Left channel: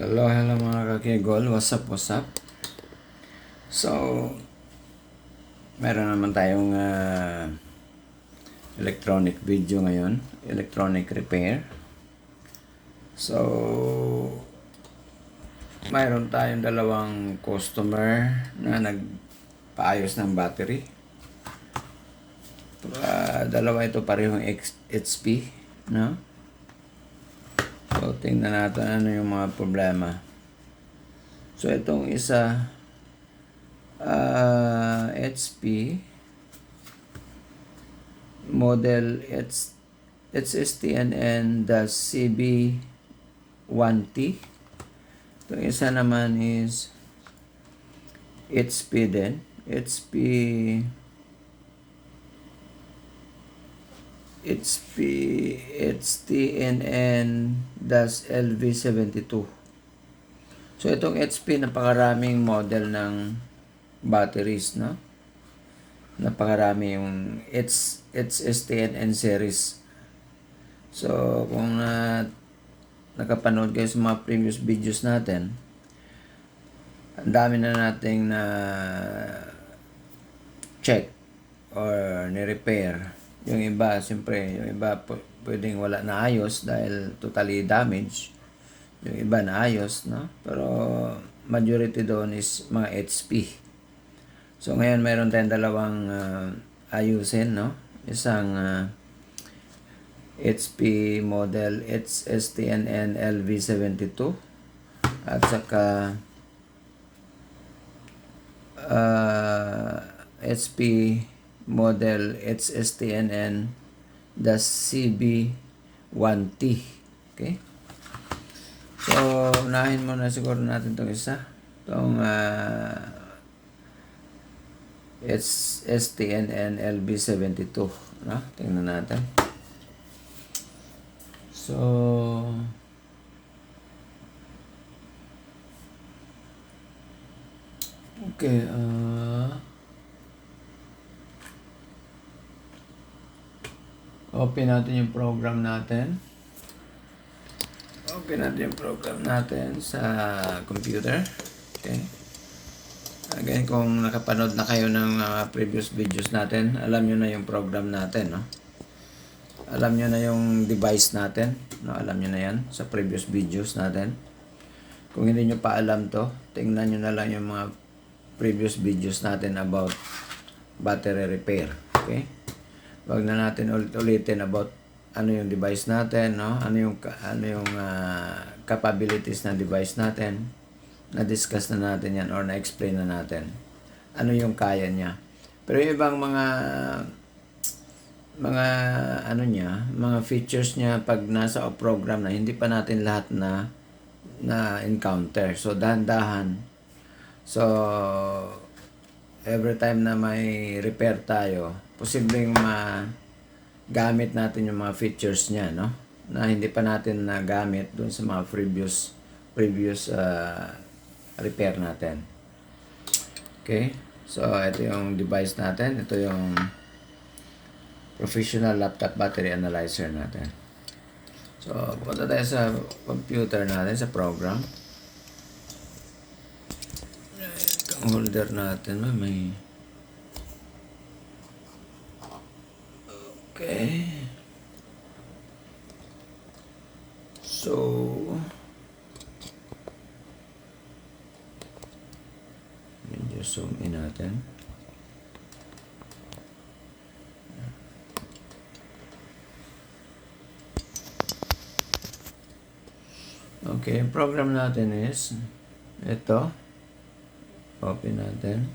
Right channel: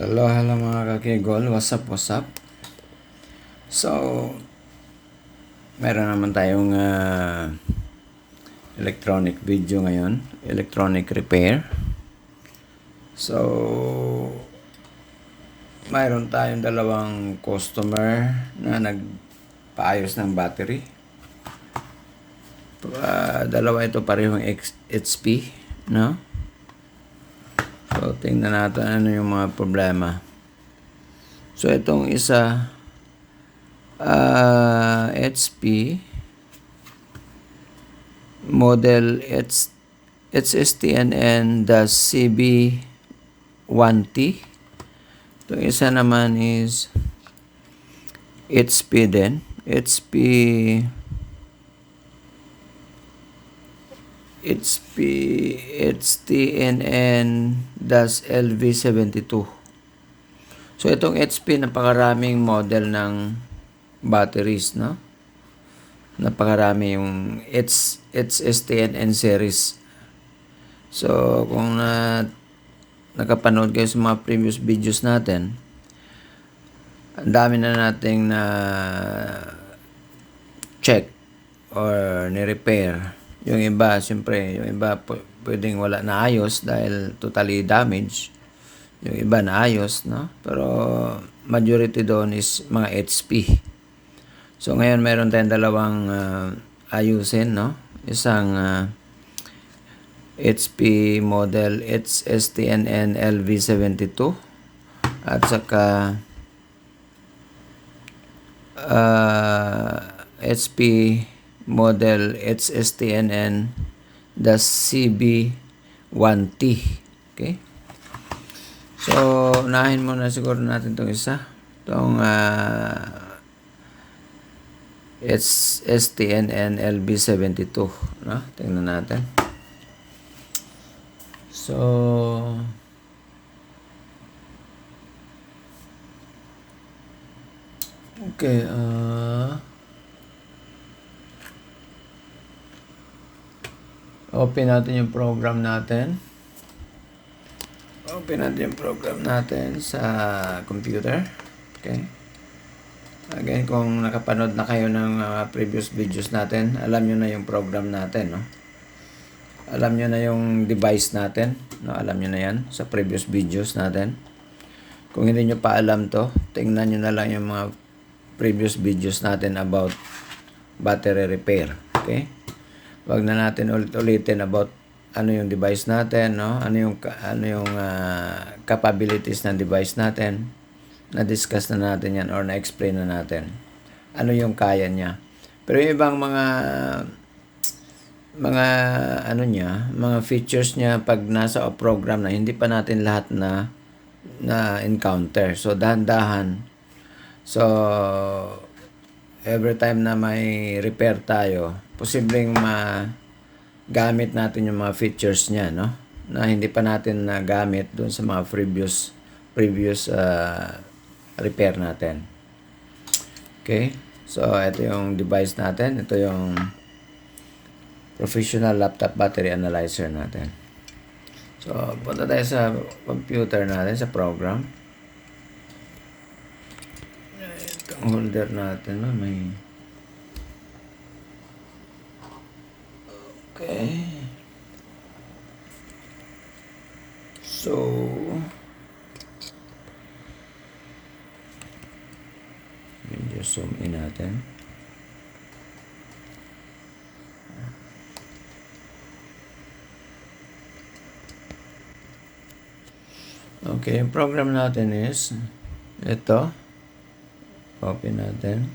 Hello mga kakigol. What's up, what's up? So, meron naman tayong electronic video ngayon. Electronic repair. So, mayroon tayong dalawang customer na nagpaayos ng battery. Dalawa ito parehong HP, no? So, tingnan natin ano yung mga problema. So, itong isa, HP, model HSTNN-CB1T. Itong isa naman is HP din. HSTNN-LV72. So, itong HP, napakaraming model ng batteries, no? Napakarami yung HSTNN series. So, kung nakapanood kayo sa mga previous videos natin, ang dami na nating na check or ni-repair. Yung iba, siyempre, yung iba pwedeng wala na ayos dahil totally damaged. Yung iba na ayos, no? Pero majority doon is mga HP. So ngayon meron tayong dalawang ayusin, no? Isang HP model HSTNN LV72 at saka HP model HSTNN-CB1T. Okay? So, unahin muna siguro natin itong isa. Itong HSTNN-LB72. No? Tingnan natin. So, okay. Open natin yung program natin. Open natin yung program natin sa computer. Okay. Again, kung nakapanood na kayo ng previous videos natin, alam nyo na yung program natin, no? Alam nyo na yung device natin, no? Alam nyo na yan sa previous videos natin. Kung hindi nyo pa alam to, tingnan nyo na lang yung mga previous videos natin about battery repair. Okay? Wag na natin ulit-ulitin about ano yung device natin, no? Ano yung capabilities ng device natin. Na-discuss na natin yan or na-explain na natin. Ano yung kaya niya. Pero yung ibang mga features niya pag nasa program na hindi pa natin lahat na encounter. So dahan-dahan. So every time na may repair tayo, posibleng gamit natin yung mga features niya, no? Na hindi pa natin nagamit doon sa mga previous repair natin. Okay? So, ito yung device natin. Ito yung professional laptop battery analyzer natin. So, punta tayo sa computer natin, sa program. Ang holder natin, may... Okay. So, medyo zoom in natin. Okay, yung program natin is ito. Open natin.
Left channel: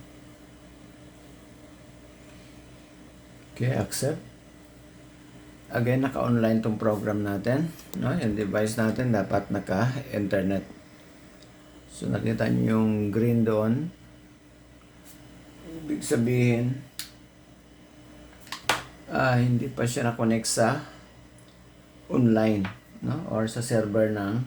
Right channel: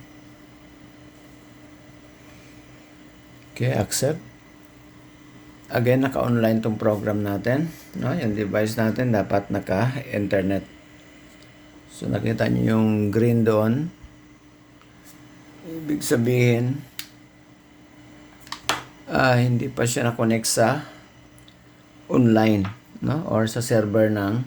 Okay, accept. Again, naka-online tong program natin. No? Yung device natin dapat naka-internet. So, nakita niyo yung green doon. Ibig sabihin, hindi pa siya na-connect sa online, no? Or sa server ng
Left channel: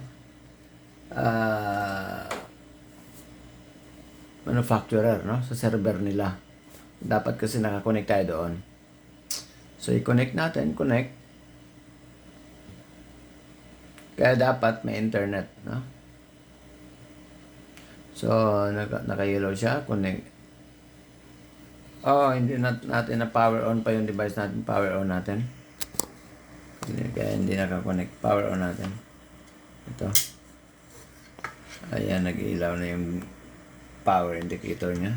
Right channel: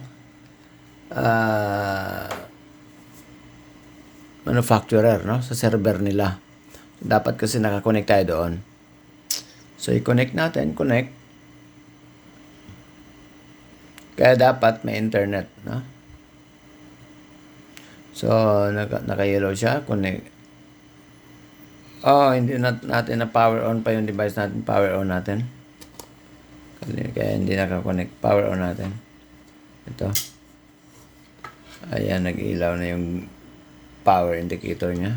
manufacturer, no? Sa server nila. Dapat kasi naka-connect tayo doon. So, i-connect natin. Connect. Kaya dapat may internet, no? So, naka-yellow siya, connect. Oh, hindi natin na power on pa yung device natin. Power on natin. Kaya hindi naka-connect. Power on natin. Ito. Ayan, nag-ilaw na yung power indicator niya.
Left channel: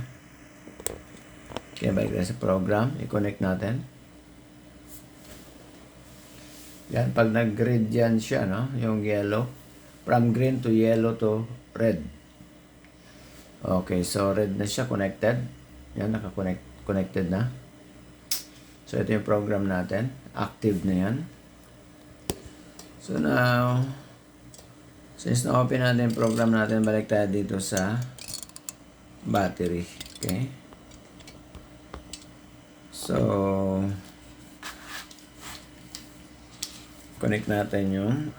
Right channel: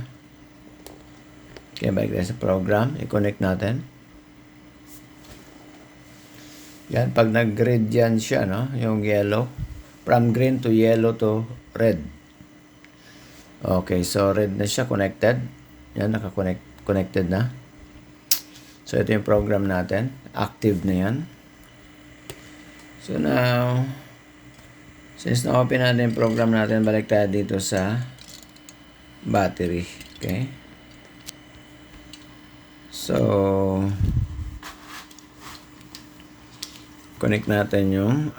Kaya balik tayo sa program. I-connect natin. Yan, pag nag-red yan siya, no? Yung yellow. From green to yellow to red. Okay, so red na siya, connected. Yan, connected na. So, ito yung program natin. Active na yan. So, now, since na-open natin yung program natin, balik tayo dito sa battery. Okay? So, connect natin yung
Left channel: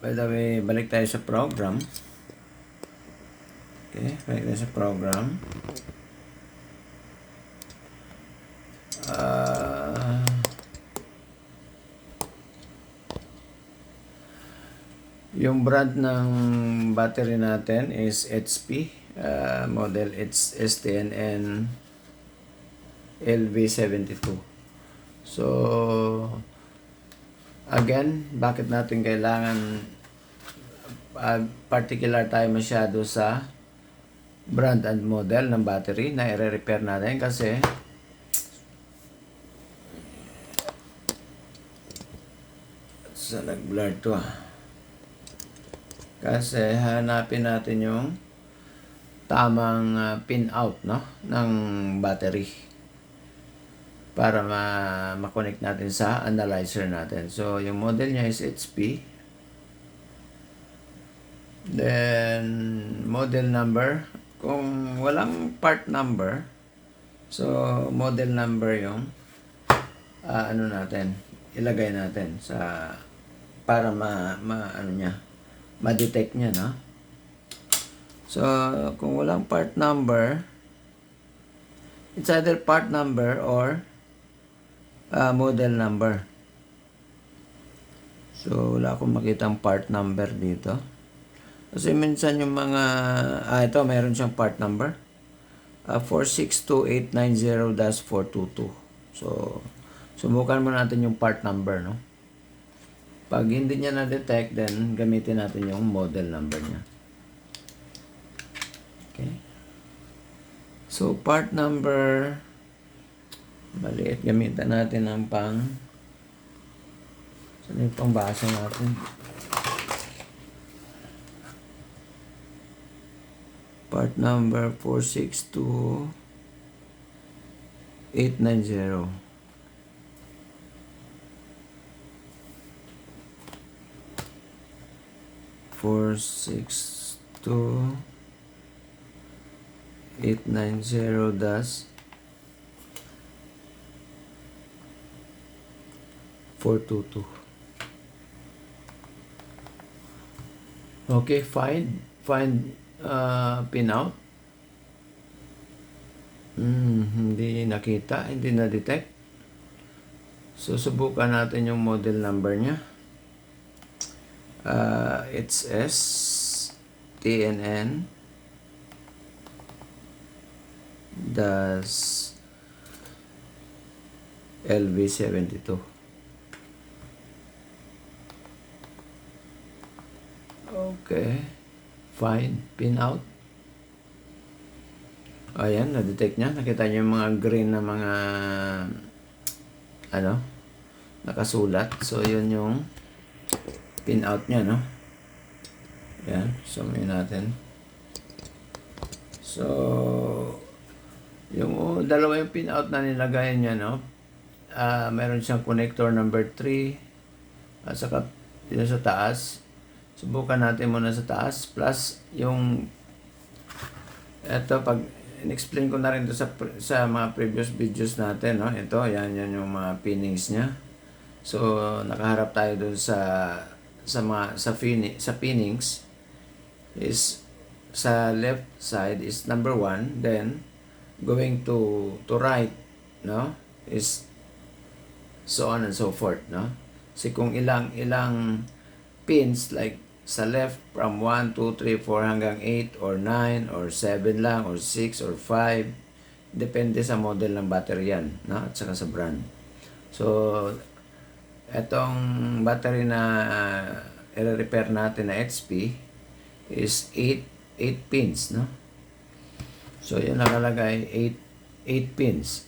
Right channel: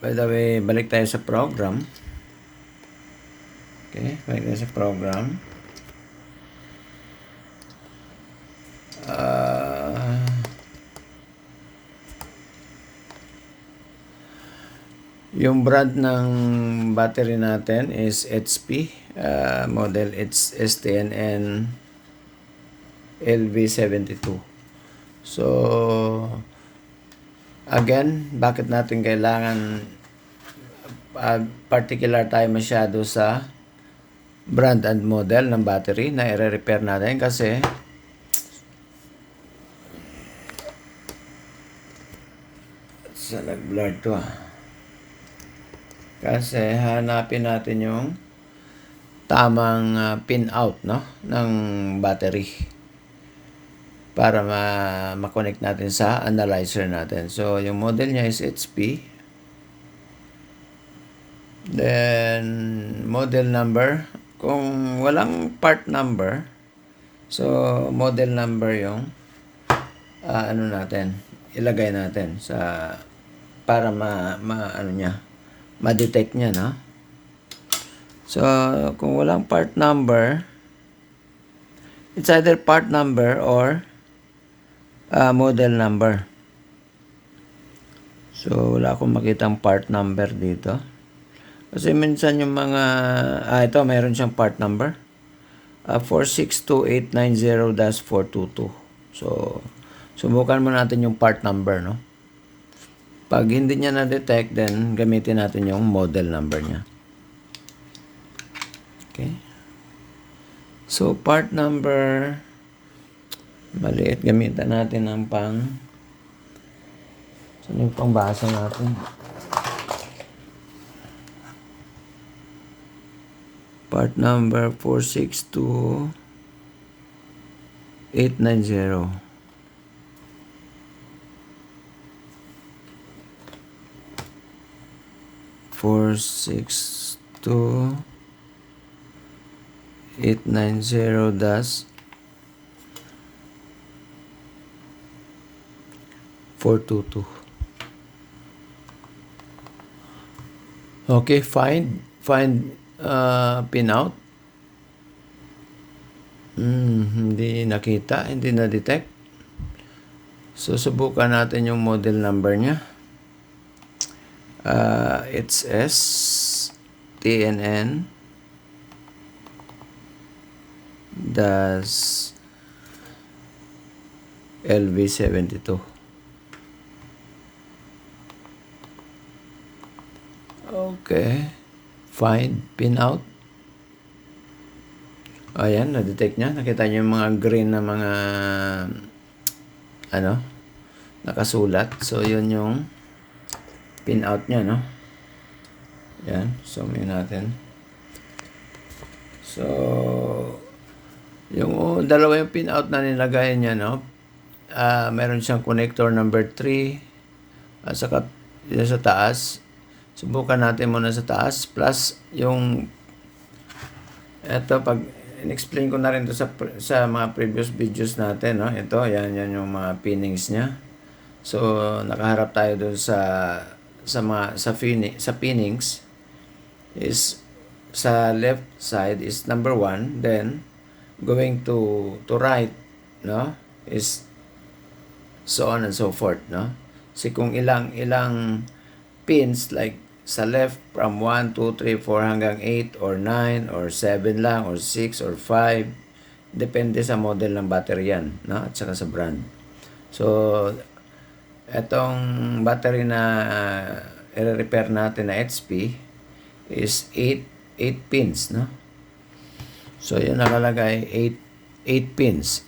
by the way, balik tayo sa program. Okay, balik tayo sa program. Yung brand ng battery natin is HP, model it's STNN LV72. So, again, bakit natin kailangan particular tayo masyado sa brand and model ng battery na i-repair natin kasi sa nag-blur to kasi hanapin natin yung tamang pin out, no, ng battery para ma-connect natin sa analyzer natin. So, yung model niya is HP. Then, model number. Kung walang part number, so, model number yung ano natin, ilagay natin sa para ma-detect niya, no? So, kung walang part number, it's either part number or model number. So, wala akong makitang part number dito. Kasi minsan yung mga, ito, mayroon siyang part number. 462890-422. So, subukan mo natin yung part number, no? Pag hindi niya na-detect, then gamitin natin yung model number niya. Okay. So, part number, maliit, gamitan natin ng saan yung pangbasa natin? Part number 462890. 462-890-422. Okay, find pin out. Hindi nakita, hindi na-detect. So, subukan natin yung model number niya. It's STNN LV72. Okay. Find pin out. Ayan, na-detect niya. Nakita niyo yung mga green na mga nakasulat. So, yun yung pin out niya, no? Ayan, zoom in natin. So, yung dalawa yung pin out na nilagay niya, no? Meron siyang connector number 3 at saka yun sa taas. Subukan natin muna sa taas plus yung ito, pag in-explain ko na rin ito sa mga previous videos natin, no? Ito, yan yung mga pinnings niya. So, nakaharap tayo dun sa pinnings is sa left side is number 1, then going to right, no, is so on and so forth, no? Kasi kung ilang pins like sa left from 1, 2, 3, 4 hanggang 8 or 9 or 7 lang or 6 or 5. Depende sa model ng battery yan, no? At saka sa brand. So, etong battery na i-repair natin na HP is 8 pins, no? So, yun nakalagay 8 pins.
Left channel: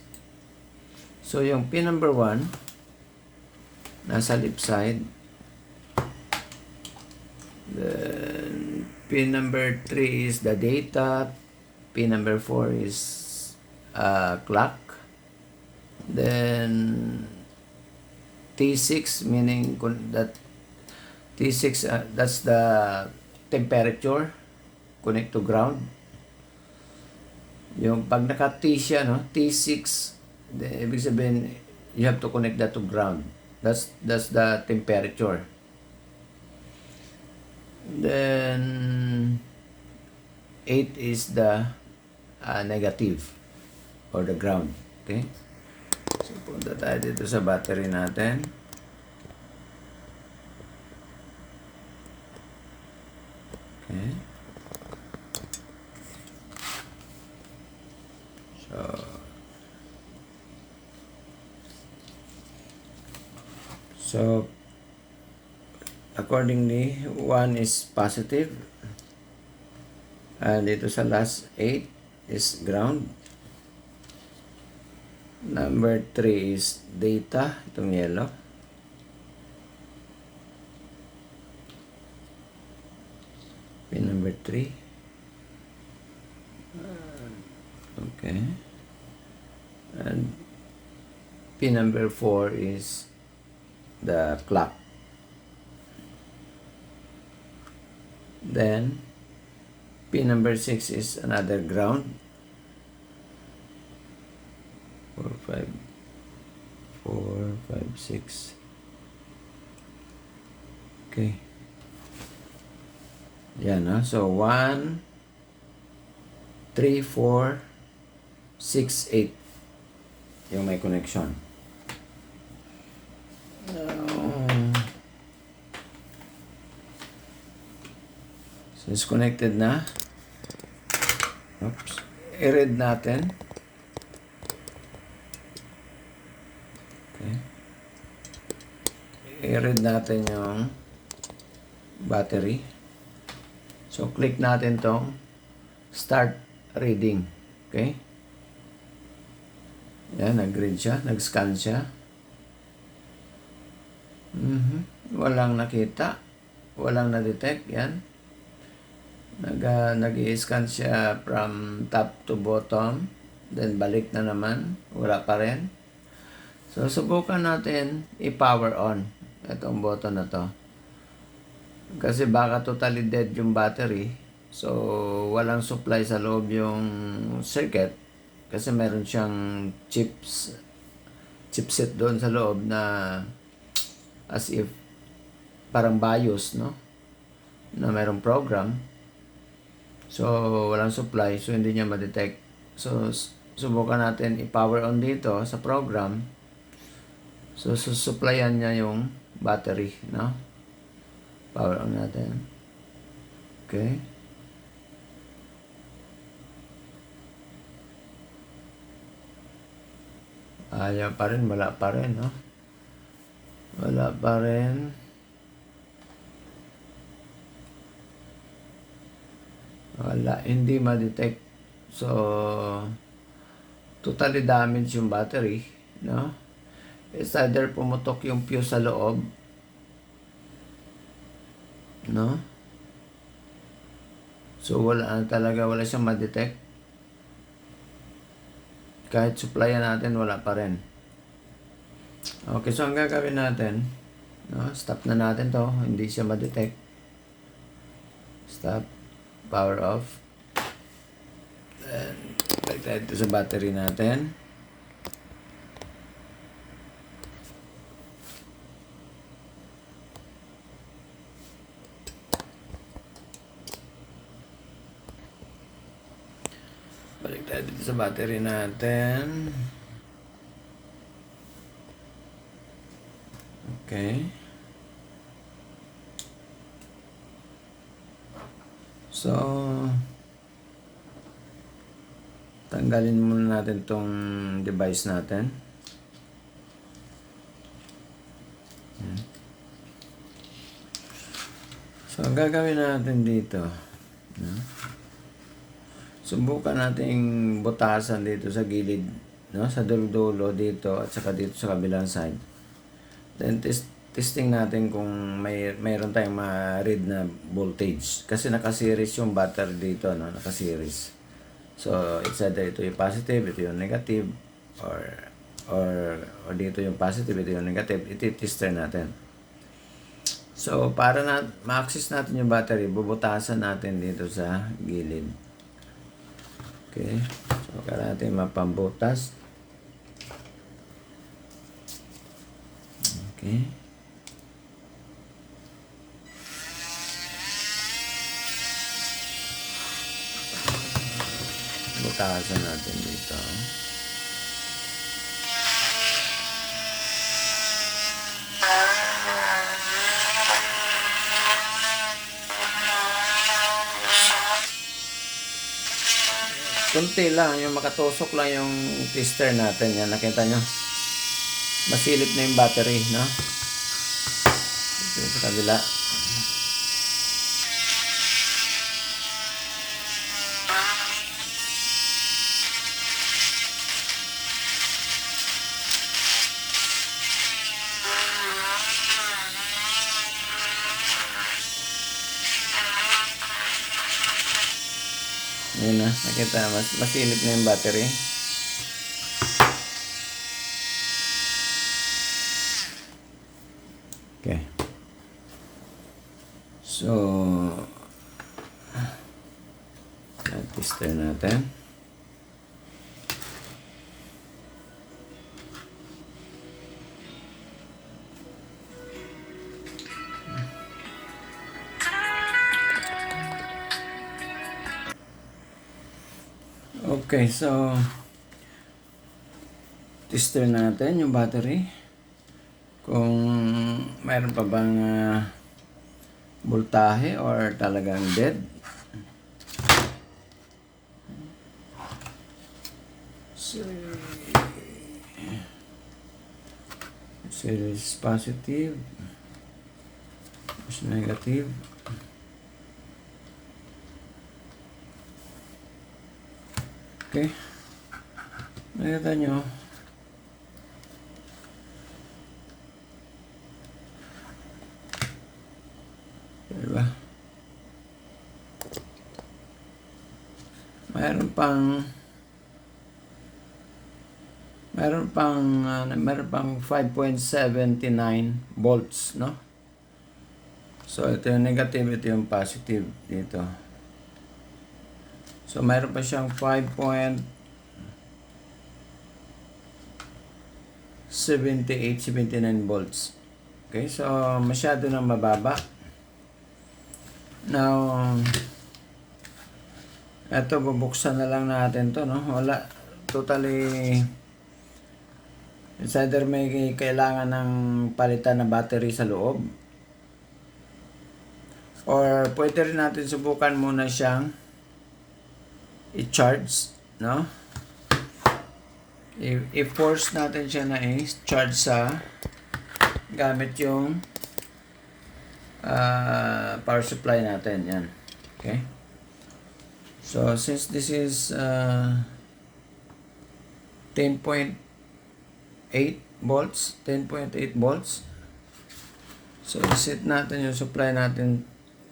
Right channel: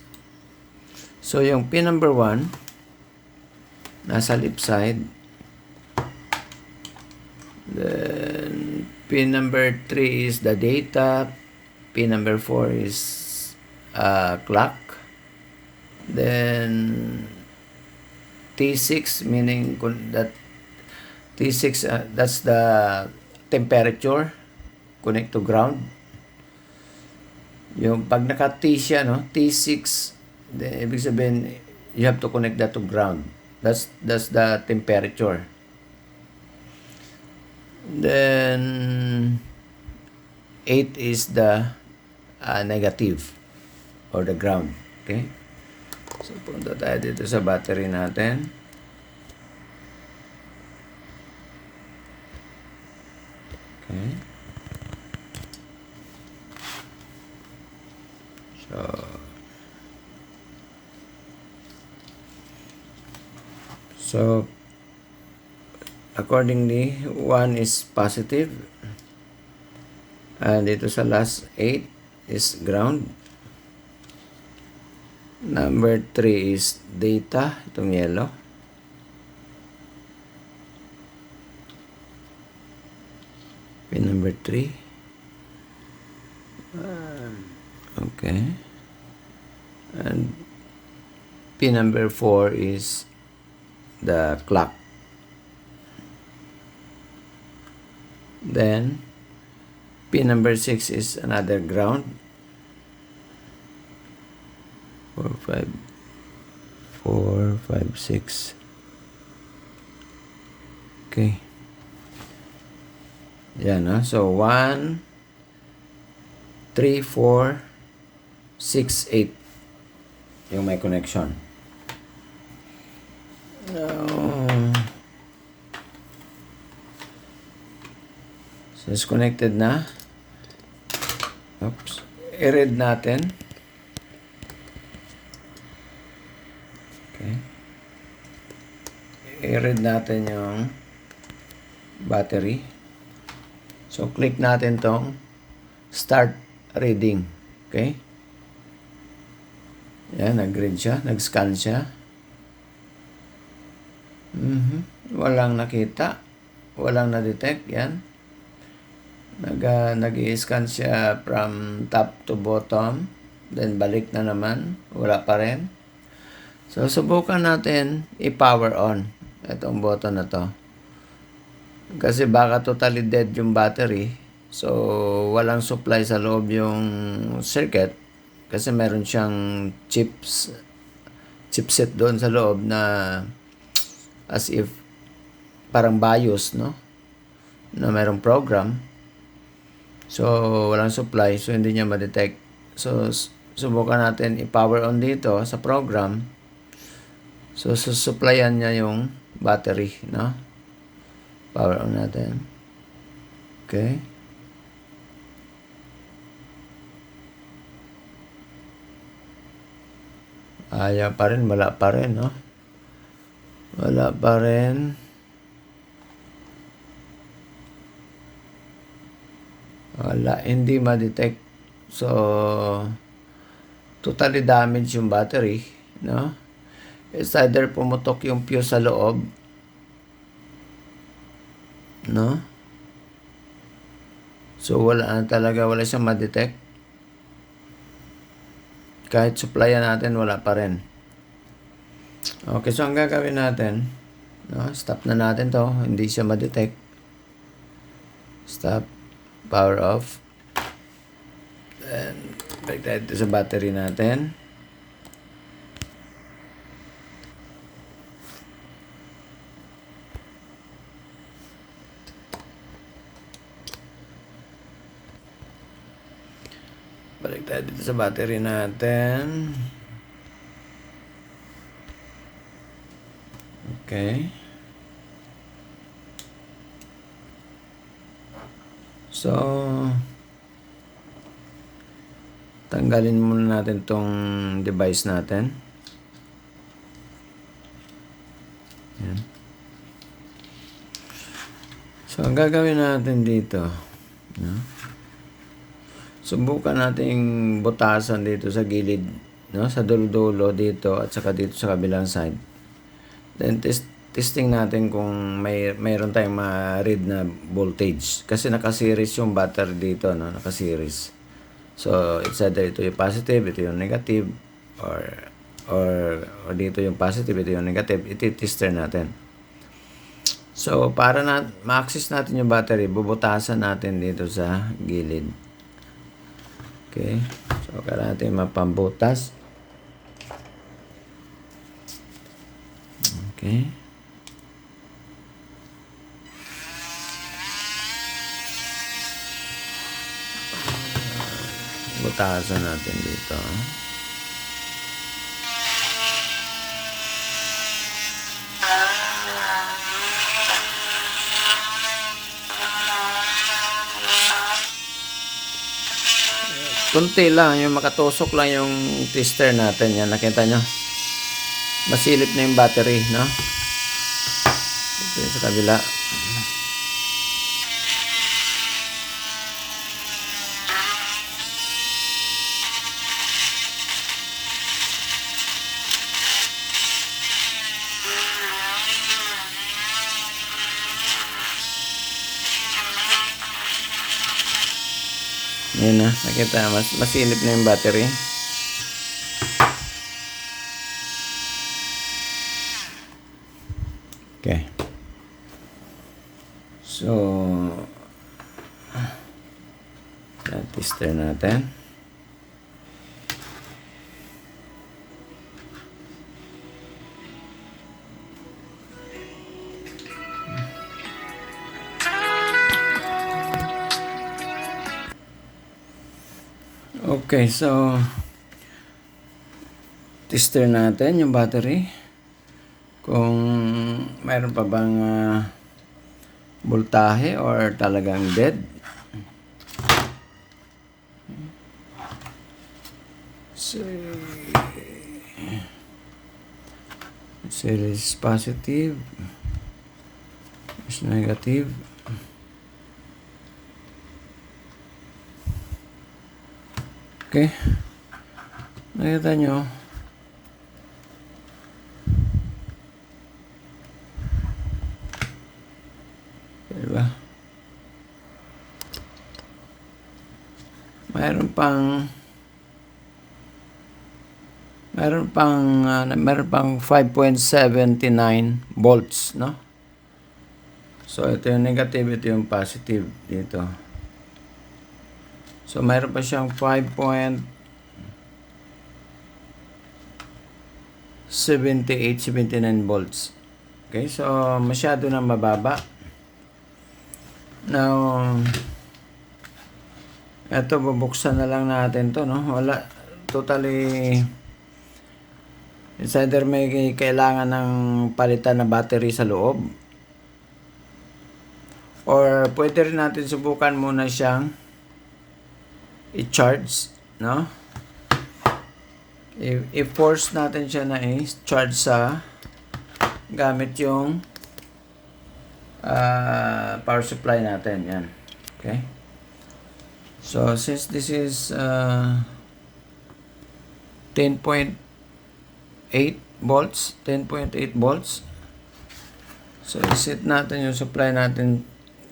So, yung pin number 1 nasa left side. Then, pin number 3 is the data. Pin number 4 is clock. Then, T6 meaning that T6 that's the temperature, connect to ground. Yung pag naka-T siya, no, T6, ibig sabihin you have to connect that to ground. That's the temperature. Then 8 is the negative or the ground. Okay? So punta tayo dito sa battery natin. Okay. So accordingly, 1 is positive. And dito sa last 8 is ground. Number 3 is data, itong yellow. Pin number 3. Okay. And pin number 4 is the clock. Then pin number 6 is another ground. 4, 5, 6. Okay. Yan, no? So 1, 3, 4, 6, 8 yung may connection. So it's connected na. Oops. I-read natin. Okay. I-read natin yung battery. So click natin tong start reading. Okay. Yan, nag-read siya, nag-scan siya. Walang nakita. Walang na-detect. Yan. Nag-i-scan siya from top to bottom. Then balik na naman. Wala pa rin. So, subukan natin i-power on itong button na to. Kasi baka totally dead yung battery. So, walang supply sa loob yung circuit. Kasi meron siyang chipset doon sa loob na as if parang BIOS, no? Na merong program. So, walang supply. So, hindi niya ma-detect. So, subukan natin i-power on dito sa program. So, susupplyan niya yung battery, no? Power on natin. Okay. Ayaw pa rin, wala pa rin, no? Wala pa rin. Wala, hindi ma-detect. So, totally damaged yung battery, no? It's either pumutok yung fuse sa loob, no? So, wala siyang ma-detect. Kahit supplyan natin, wala pa rin. Okay, so ang gagawin natin, no? Stop na natin to, hindi siya ma-detect. Stop. Power off. Then, balik tayo sa battery natin. Balik tayo dito sa battery natin. Okay. So, tanggalin muna natin tong device natin. Yan. So, ang gagawin natin dito, subukan nating butasan dito sa gilid, no? Sa dulo-dulo dito at saka dito sa kabilang side. Then, testing natin kung mayroon tayong ma-read na voltage. Kasi naka-series yung battery dito, no? Naka-series. So, it's either ito yung positive, ito yung negative, or dito yung positive, ito yung negative. Iti-tester natin. So, para ma-access natin yung battery, bubutasan natin dito sa gilid. Okay. So, kailangan natin mapambutas. Okay. Butasan natin dito. Kunti lang, yung makatusok lang yung tester natin. Yan, nakita nyo? Masilip na yung battery, no? Ito sa kabila. Yun na, nakita, masilip na yung battery. Okay. So, tester natin. Okay, so tester natin yung battery kung mayroon pa bang voltahe or talagang dead. So, series positive, is negative. Okay. Nakita nyo. Diba? Mayroon pang 5.79 volts, no? So, ito yung negative, ito yung positive dito. So, mayroon pa siyang 5.78-79 volts. Okay, so masyado na mababa. Now, ito, bubuksan na lang natin to, no? Wala, totally, it's either may kailangan ng palitan na battery sa loob, or pwede rin natin subukan muna siyang i-charge, no? I-force natin siya na i-charge sa gamit yung power supply natin. Yan. Okay? So, since this is 10.8 volts, so i-set natin yung supply natin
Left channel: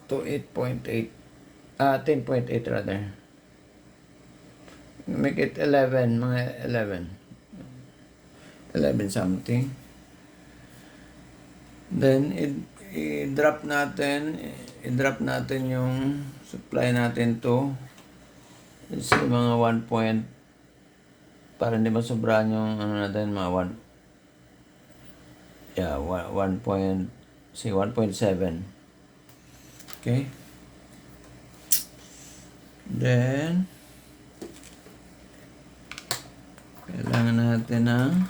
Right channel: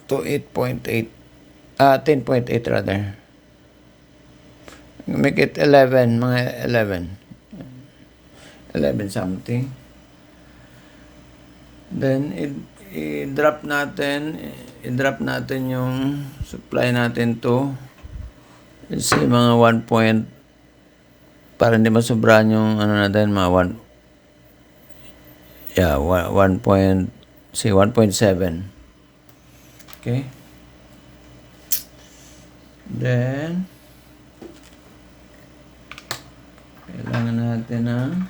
to 10.8 rather. Make it 11, mga 11 something. Then i-drop natin yung supply natin to, let's say mga 1 point, para hindi masobrahan yung ano natin, mga 1.7. Okay, then kailangan natin ng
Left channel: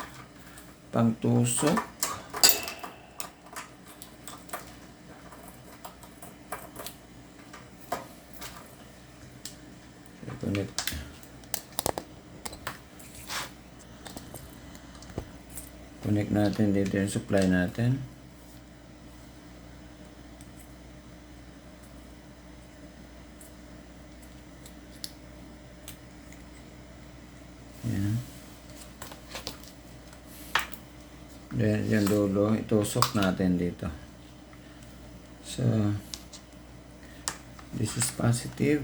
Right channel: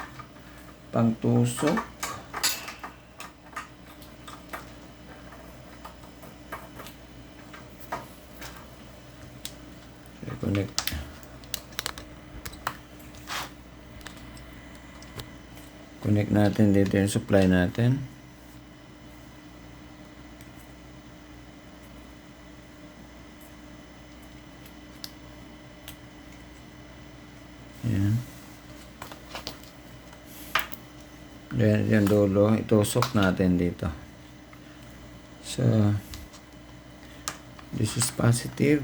pangtusok. Connect natin dito yung supply natin. Ayan. Then yung dulo, itusok natin dito. So, this is positive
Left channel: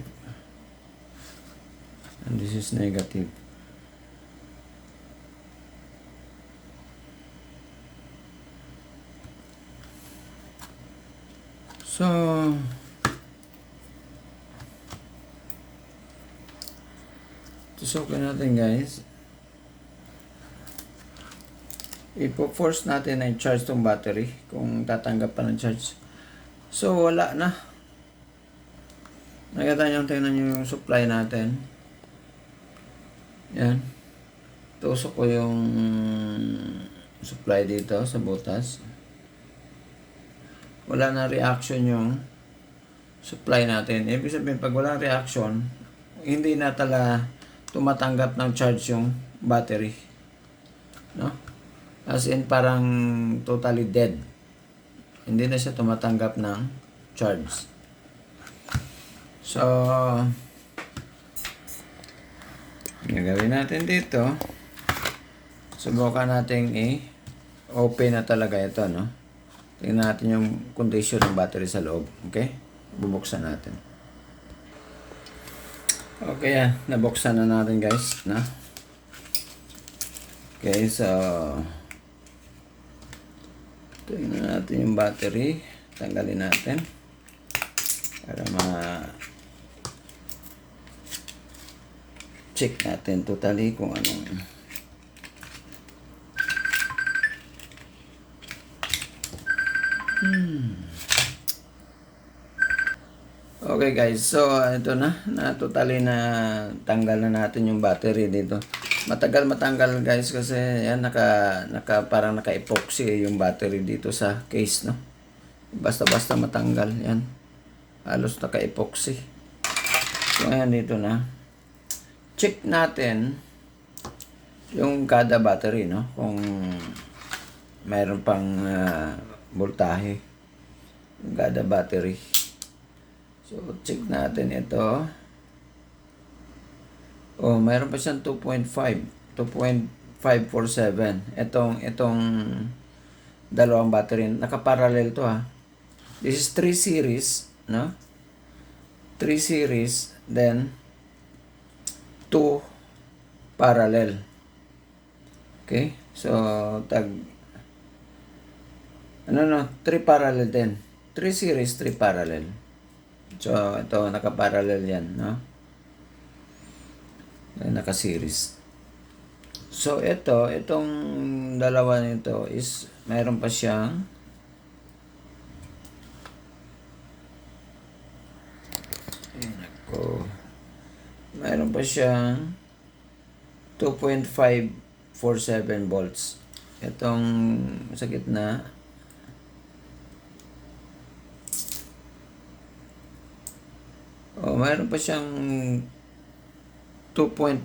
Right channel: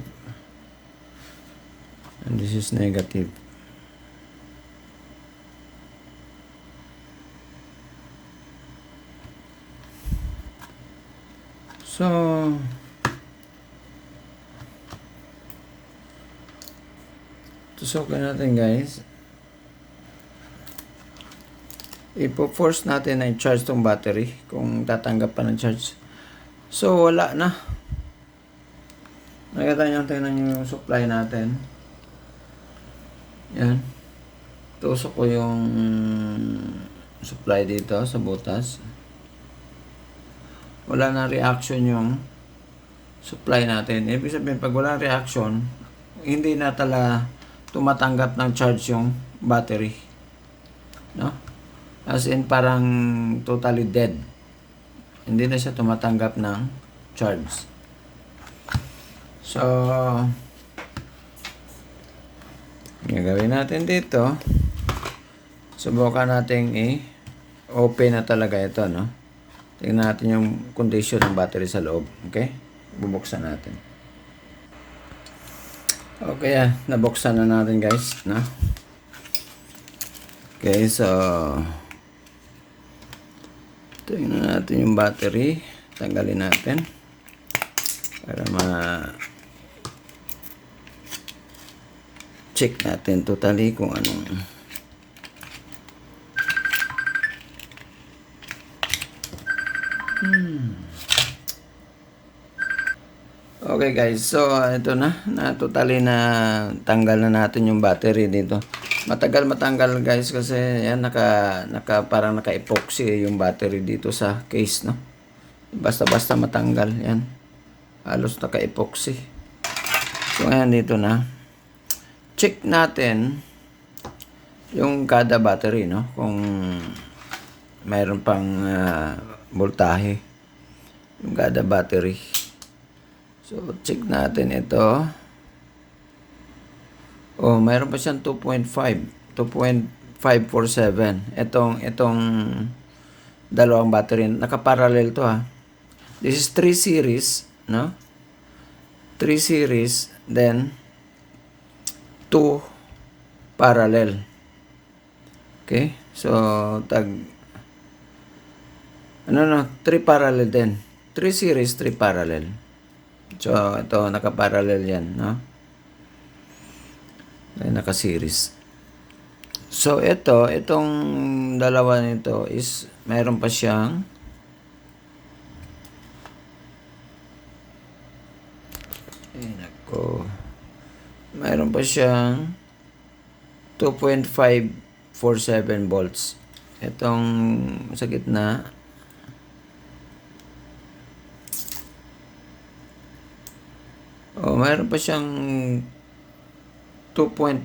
and this is negative. So, tusokin natin guys. Ipo-force natin na i-charge tong battery kung tatanggap pa ng charge. So, wala na. Nakita nyo, tingnan nyo yung supply natin. Yan. Tusok ko yung supply dito sa butas. Wala na reaction yung supply natin. Ibig sabihin, pag wala reaction, hindi na tala tumatanggap ng charge yung battery. No? As in, parang totally dead. Hindi na siya tumatanggap ng charge. So, yung gawin natin dito, subukan natin i-open na talaga ito, no? Tingnan natin yung condition ng battery sa loob. Okay? Bubuksan natin. Okay, nabuksan na natin guys, no? Okay, so tingnan natin yung battery. Tanggalin natin para check natin totally kung anong Okay guys, so ito na totally na tanggal na natin yung battery dito. Matagal matanggal guys kasi yan parang naka-epoxy yung battery dito sa case, no. Basta-basta matanggal yan. Halos naka-epoxy. So ayan, dito na. Check natin yung kada battery, no, kung mayroon pang voltahe yung kada battery. So, check natin ito. Oh, mayroon pa siyang 2.547. Itong dalawang battery. Nakaparallel to, ha. This is 3 series, no? 3 series, then 2 parallel. Okay? So, 3 parallel din. 3 series, 3 parallel. So, ito, naka-parallel yan, no? Naka-series. So, itong dalawa nito is, mayroon pa siyang mayroon pa siyang 2.547 volts. Itong sa gitna, mayroon pa siyang 2.1.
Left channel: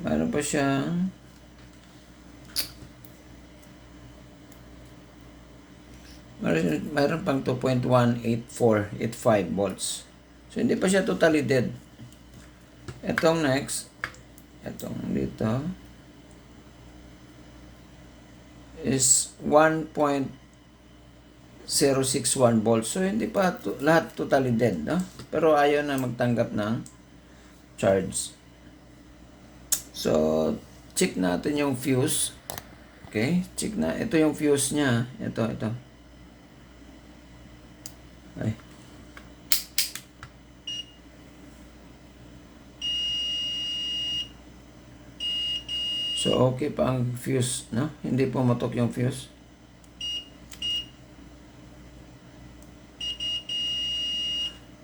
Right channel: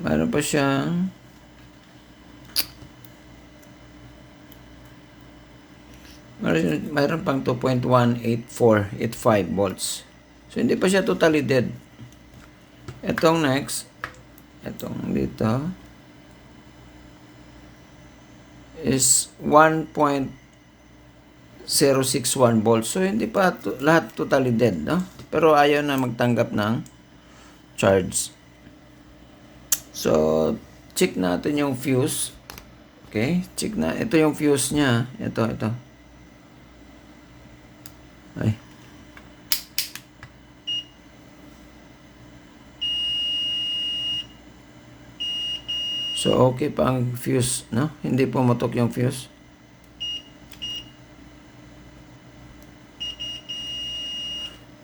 Mayroon pa siyang mayroon pang 2.18485 volts. So, hindi pa siya totally dead. Itong next, itong dito, is 1.061 volts. So, hindi pa lahat totally dead, no? Pero ayaw na magtanggap ng charge. So, check natin yung fuse. Okay? Check na. Ito yung fuse niya. Ito. Ay. So, okay pa ang fuse, no? Hindi pumatok yung fuse.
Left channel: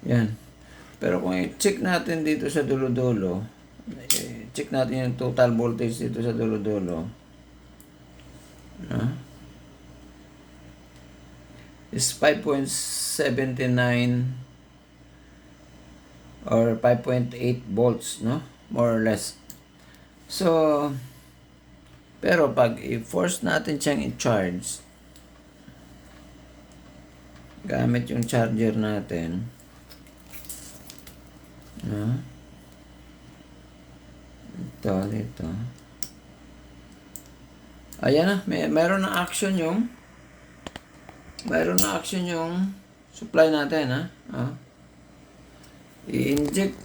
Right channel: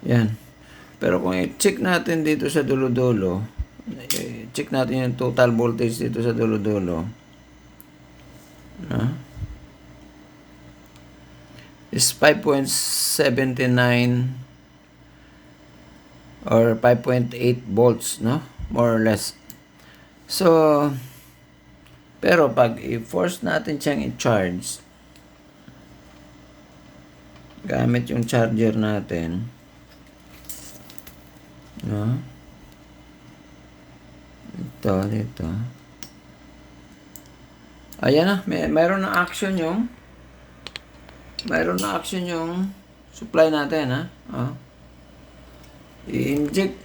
Yan. Pero kung i-check natin dito sa dulo-dulo, check natin yung total voltage dito sa dulo-dulo. Is 5.79 or 5.8 volts, no? More or less. So, pero pag i-force natin siyang i-charge, gamit yung charger natin, no? Dito. Ayan na, mayroon na action yung supply natin, ha? I-inject,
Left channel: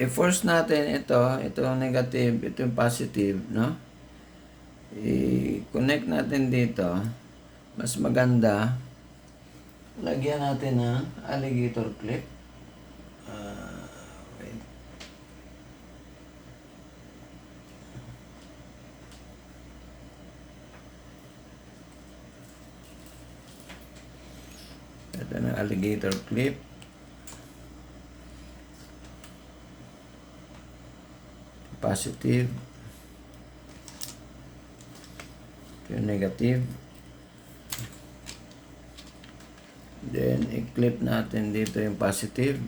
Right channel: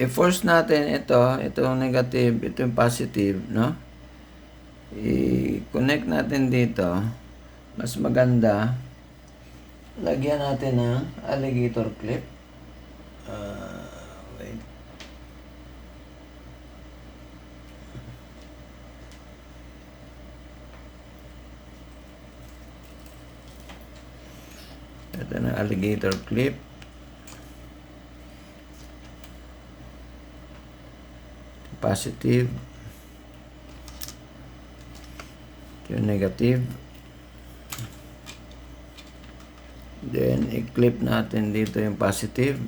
i-force natin ito yung negative, ito yung positive, no? I-connect natin dito. Mas maganda, lagyan natin ng alligator clip. Wait. Ito na alligator clip. Positive. Ito yung negative. Then, i-clip natin dito yung positive.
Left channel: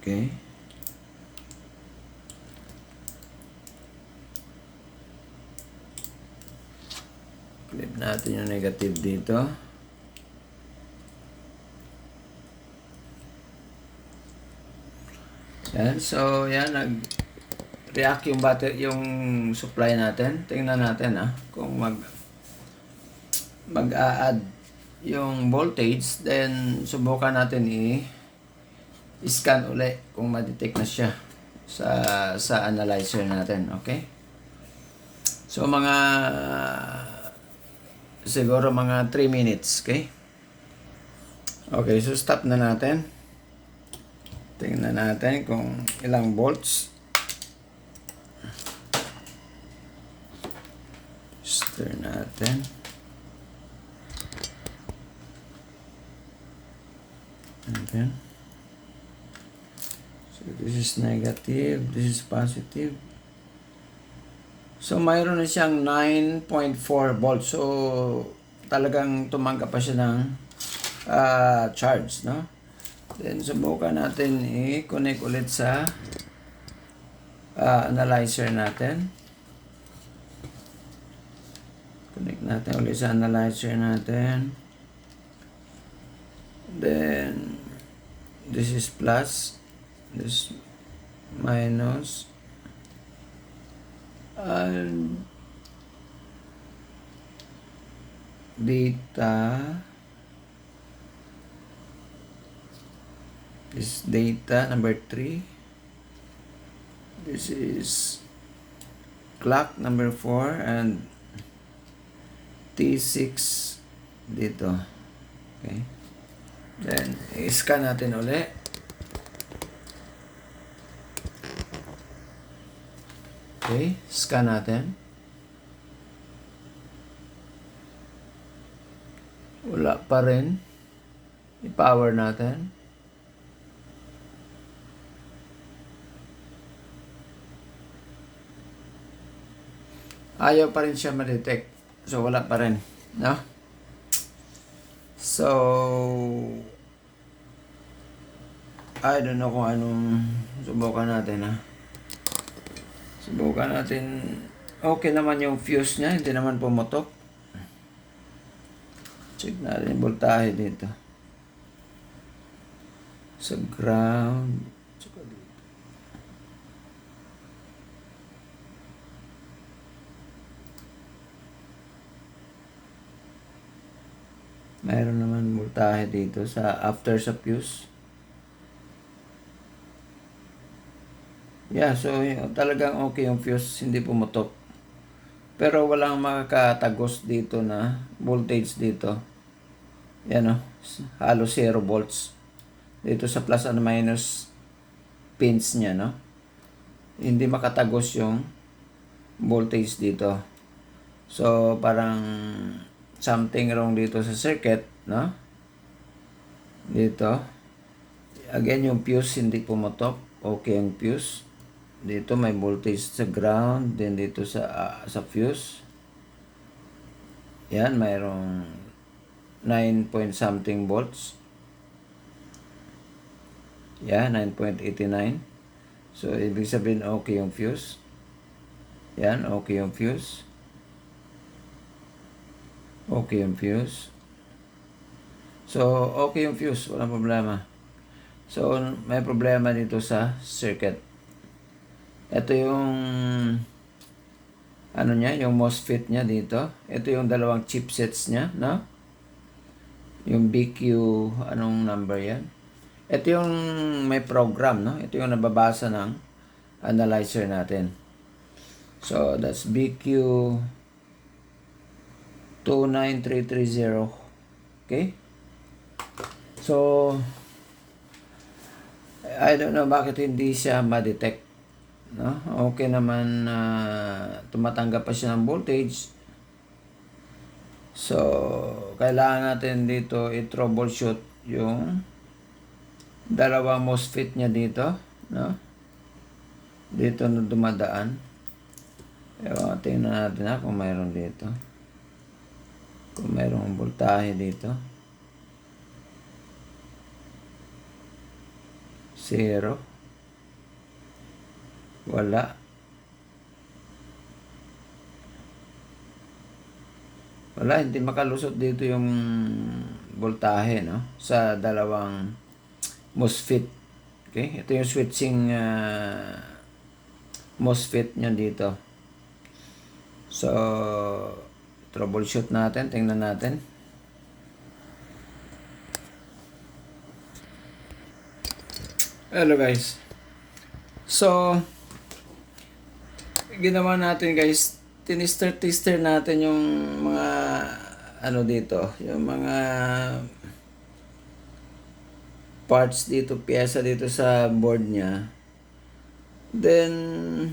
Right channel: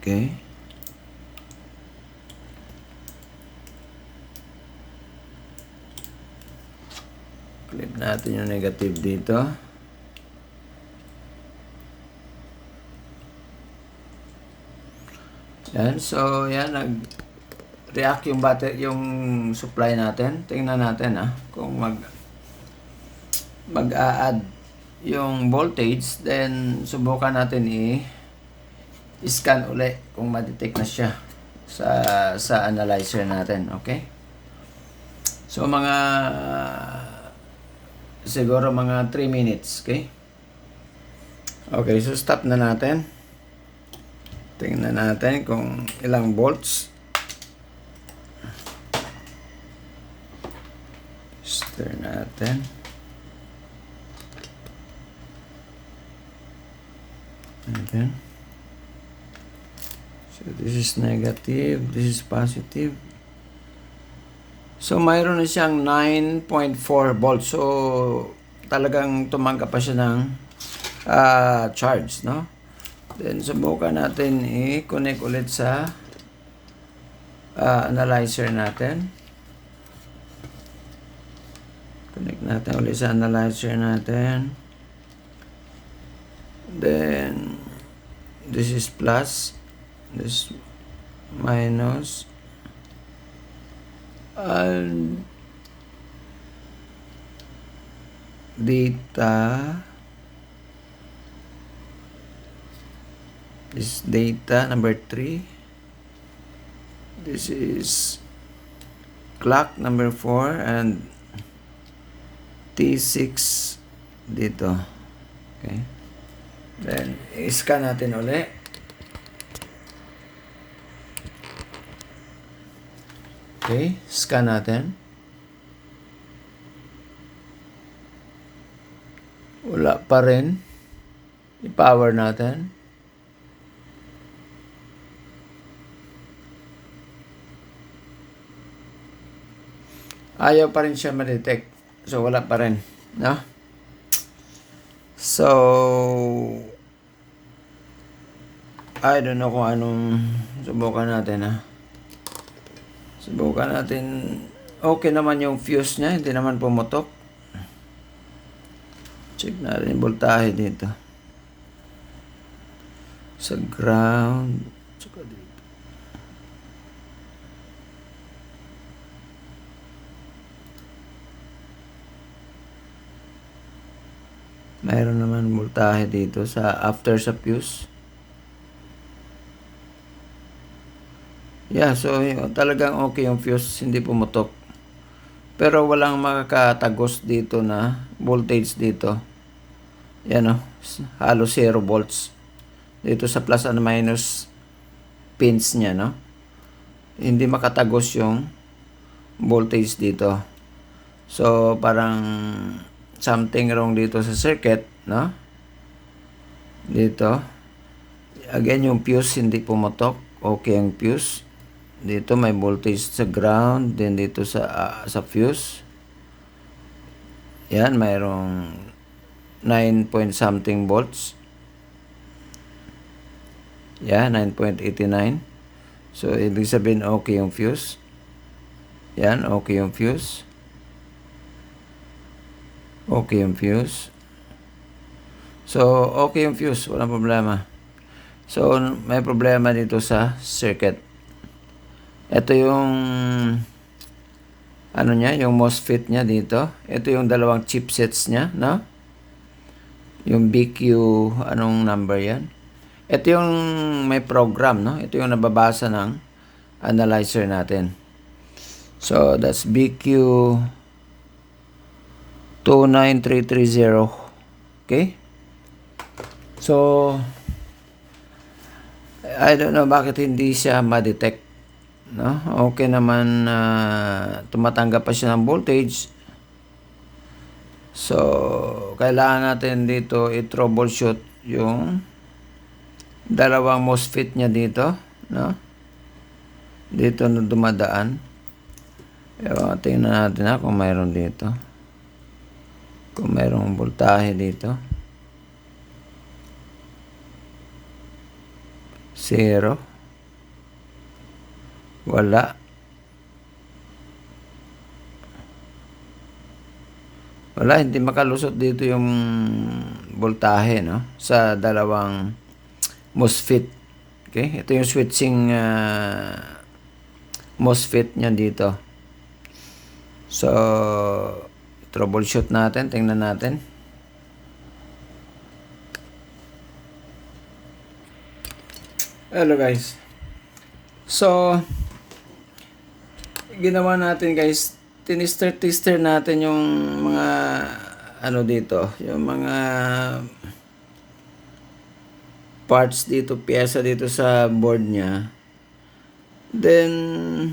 Okay. Clip natin yung negative dito. Yan. So, yan. Nag-react yung battery, yung supply natin. Tingnan natin, kung mag-a-add yung voltage. Then, subukan natin i-scan uli kung ma-detect na siya sa analyzer natin. Okay? So, siguro mga 3 minutes. Okay? Okay, so stop na natin. Tingnan natin kung ilang volts. Stir natin. And then, so this is negative, this is positive. So mayroon na siyang 9.4 volts. So talagang tumanggap pa siya ng charge, no? Then subukan natin i-connect ulit sa analyzer natin. Connect natin ulit sa analyzer natin. Then this is plus, this minus, and data. This is data number 3. This is clock number 4 and T6 dito. Okay. Then, i-scan natin ulit. Okay, scan natin. Wala pa rin. I-power natin. Ayaw pa rin siya ma-detect. So, wala pa rin. No? So, I don't know kung anong subukan natin, Subukan natin. Okay naman yung fuse niya. Hindi naman pumutok. Check natin yung voltahe dito. Sa ground. Tsaka dito. Mayroon naman voltahe dito sa after sa fuse. Yeah, so talagang okay yung fuse, hindi pumutok. Pero walang makakatagos dito na voltage dito. Yan halos 0 volts. Dito sa plus and minus pins niya, no? Hindi makatagos yung voltage dito. So, parang something wrong dito sa circuit, no? Dito. Again, yung fuse hindi pumutok. Okay ang fuse. Dito may voltage sa ground, then dito sa fuse. Yan, mayroong 9 point something volts. Yan, 9.89. So, ibig sabihin okay yung fuse. Yan, okay yung fuse. Okay yung fuse. So, okay yung fuse. Walang problema. So, may problema dito sa circuit. Ito yung ano niya, yung MOSFET niya dito. Ito yung dalawang chipsets niya, no? Yung BQ, anong number yan? Ito yung may program, no? Ito yung nababasa ng analyzer natin. So, that's BQ 29330. Okay? So, I don't know bakit hindi siya ma-detect. No? Okay naman, tumatanggap pa siya ng voltage. So, kailangan natin dito i-troubleshoot yung dalawang MOSFET niya dito. No? Dito na dumadaan. Tingnan natin kung mayroon dito. Kung mayroong voltahe dito. 0. Wala. Wala, hindi makalusot dito yung voltahe, no? Sa dalawang MOSFET. Okay? Ito yung switching MOSFET niya dito. So, troubleshoot natin. Tingnan natin. Hello guys. So, ginawa natin guys, tinister natin yung mga ano dito, yung mga parts dito, piyesa dito sa board niya. Then,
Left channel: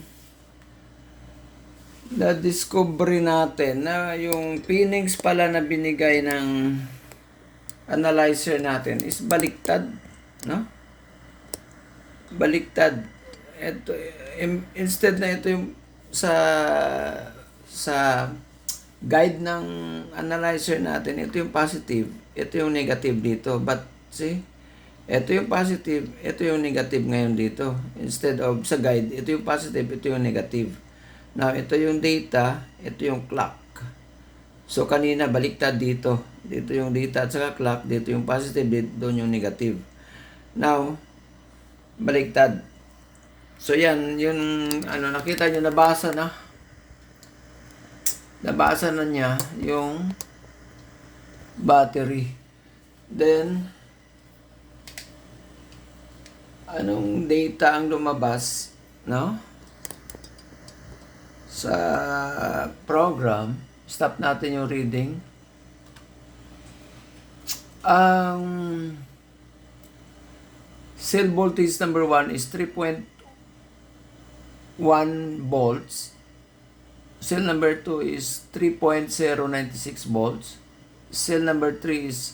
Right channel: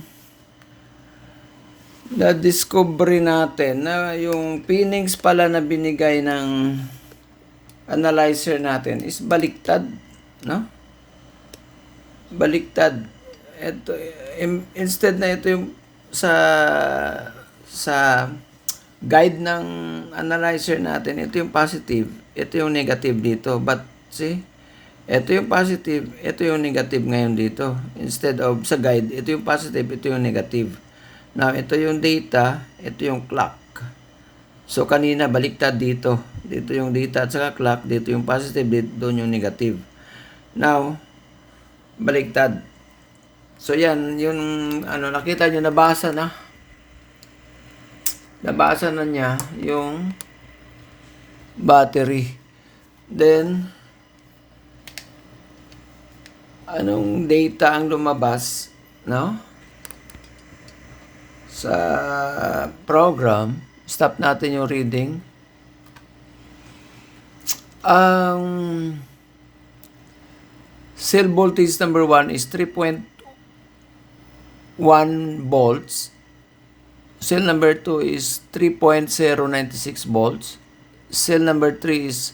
na-discover natin na yung pinings pala na binigay ng analyzer natin is baliktad, no? Baliktad. Ito, instead na ito yung sa guide ng analyzer natin, ito yung positive, ito yung negative dito. But see, ito yung positive, ito yung negative ngayon dito. Instead of sa guide, ito yung positive, ito yung negative. Now, ito yung data, ito yung clock. So, kanina baliktad dito. Dito yung data at saka clock, dito yung positive, dito doon yung negative. Now, baliktad. So, yan, yung ano, nakita nyo, nabasa na. Nabasa na niya yung battery. Then, anong data ang lumabas, no? Sa program, stop natin yung reading. Ang cell voltage number 1 is 3.1 volts. Cell number 2 is 3.096 volts. Cell number 3 is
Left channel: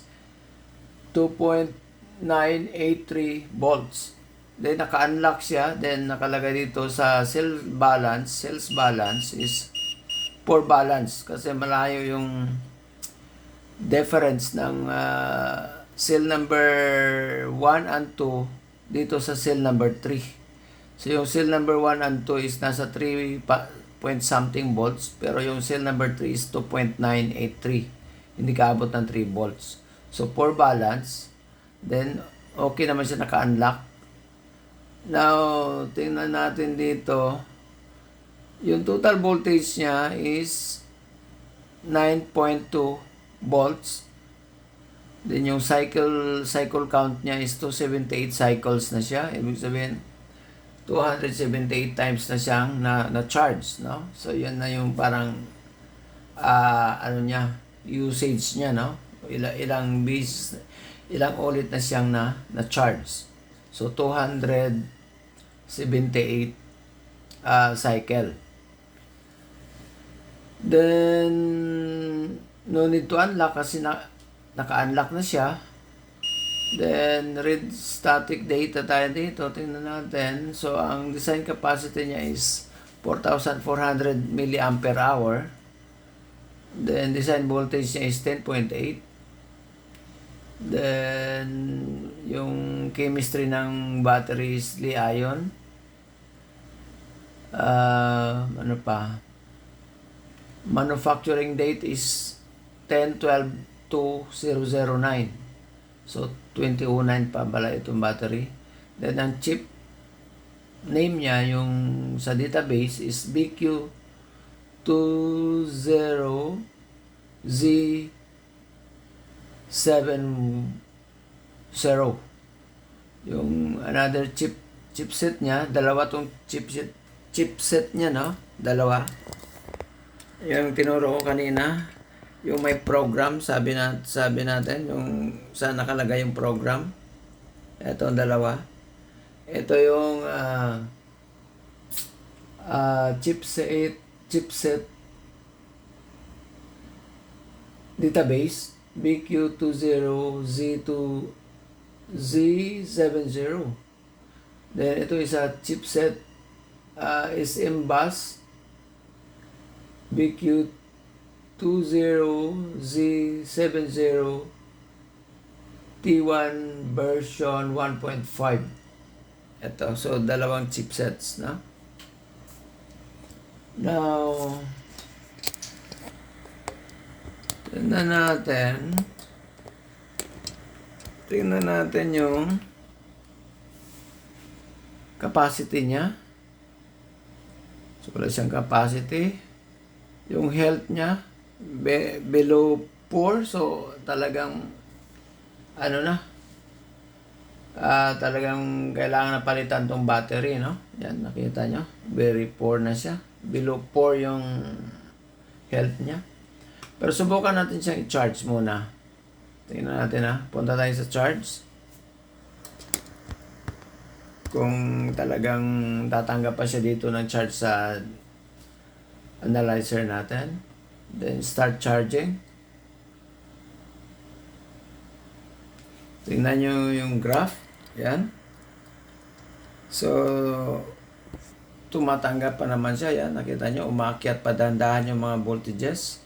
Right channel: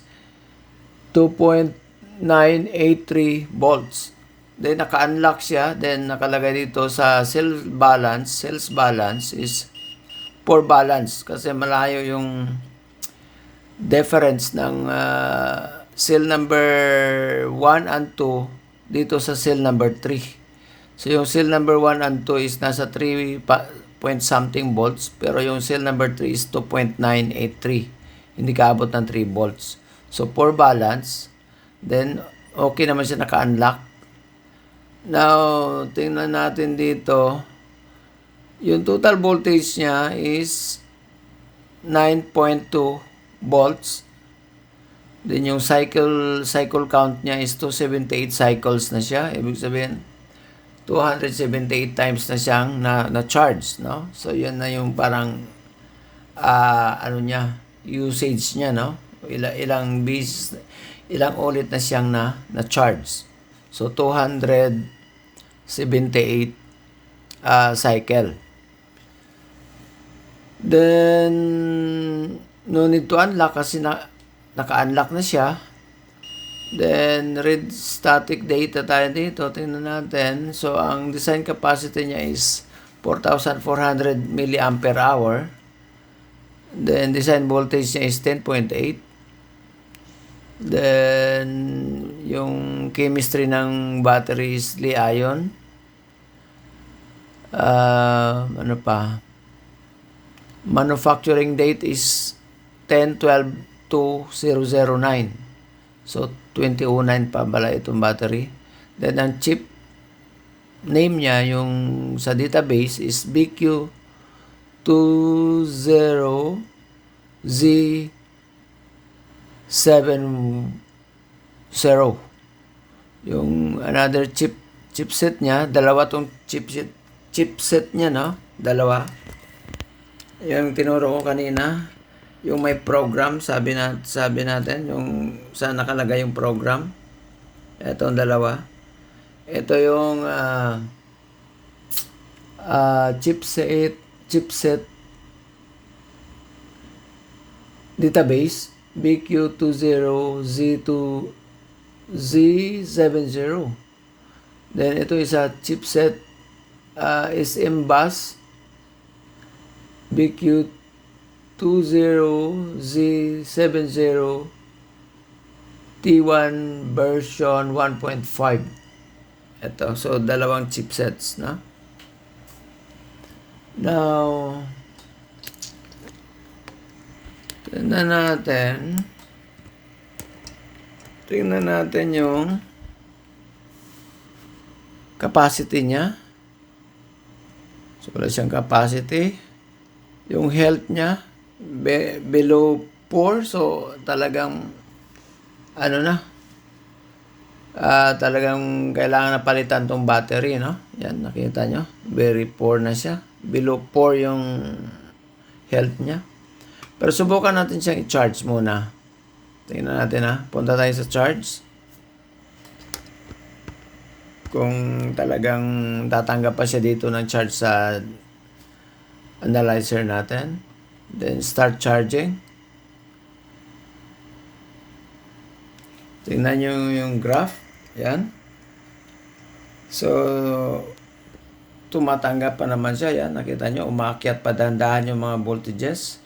2.983 volts. Then naka-unlock siya. Then nakalagay dito sa sales balance is poor balance. Kasi malayo yung difference ng cell number 1 and 2 dito sa cell number 3. So yung cell number 1 and 2 is nasa 3 point something volts, pero yung cell number 3 is 2.983. Hindi kaabot ng 3 volts. So poor balance. Then okay naman siya, naka-unlock. Now, tingnan natin dito. Yung total voltage niya is 9.2 volts. Then yung cycle count niya is 278 cycles na siya. Ibig sabihin 278 times na siyang na-charge, no? So yun na yung parang ano niya, usage niya, no? Ilang ulit na siyang na-charge. So 278 cycle. Then no need to unlock kasi naka-unlock na siya. Then read static data tayo dito. Tingnan natin. So ang design capacity niya is 4,400 milliampere hour. Then design voltage niya is 10.8. Then yung chemistry ng battery is Li-ion. Ano pa? Manufacturing date is 10/12/2009. So 2009 pa pala itong battery. Then ang chip name niya yung sa database is BQ20Z70. Yung another chipset niya, dalawa tong chipset niya, no? Dalawa. Yung tinuro ko kanina, yung may program, sabi natin, yung saan nakalagay yung program. Ito ang dalawa. Ito yung chipset database BQ20Z70. Then ito isa chipset SM bus BQ20Z70 T1 version 1.5. Ito, so dalawang chipsets, no? Now, tingnan natin yung capacity niya. So, wala siyang capacity. Yung health niya, below 4. So, talagang, talagang kailangan na palitan tong battery, no? Yan, nakita nyo. Very poor na siya. Below 4 yung health niya. Pero subukan natin siyang i-charge muna. Tingnan natin, ha. Punta tayo sa charge. Kung talagang tatanggap pa siya dito ng charge sa analyzer natin. Then start charging. Tingnan nyo yung graph. Yan. So, tumatanggap pa naman siya. Yan, nakita nyo, umakyat pa dahan-dahan yung mga voltages.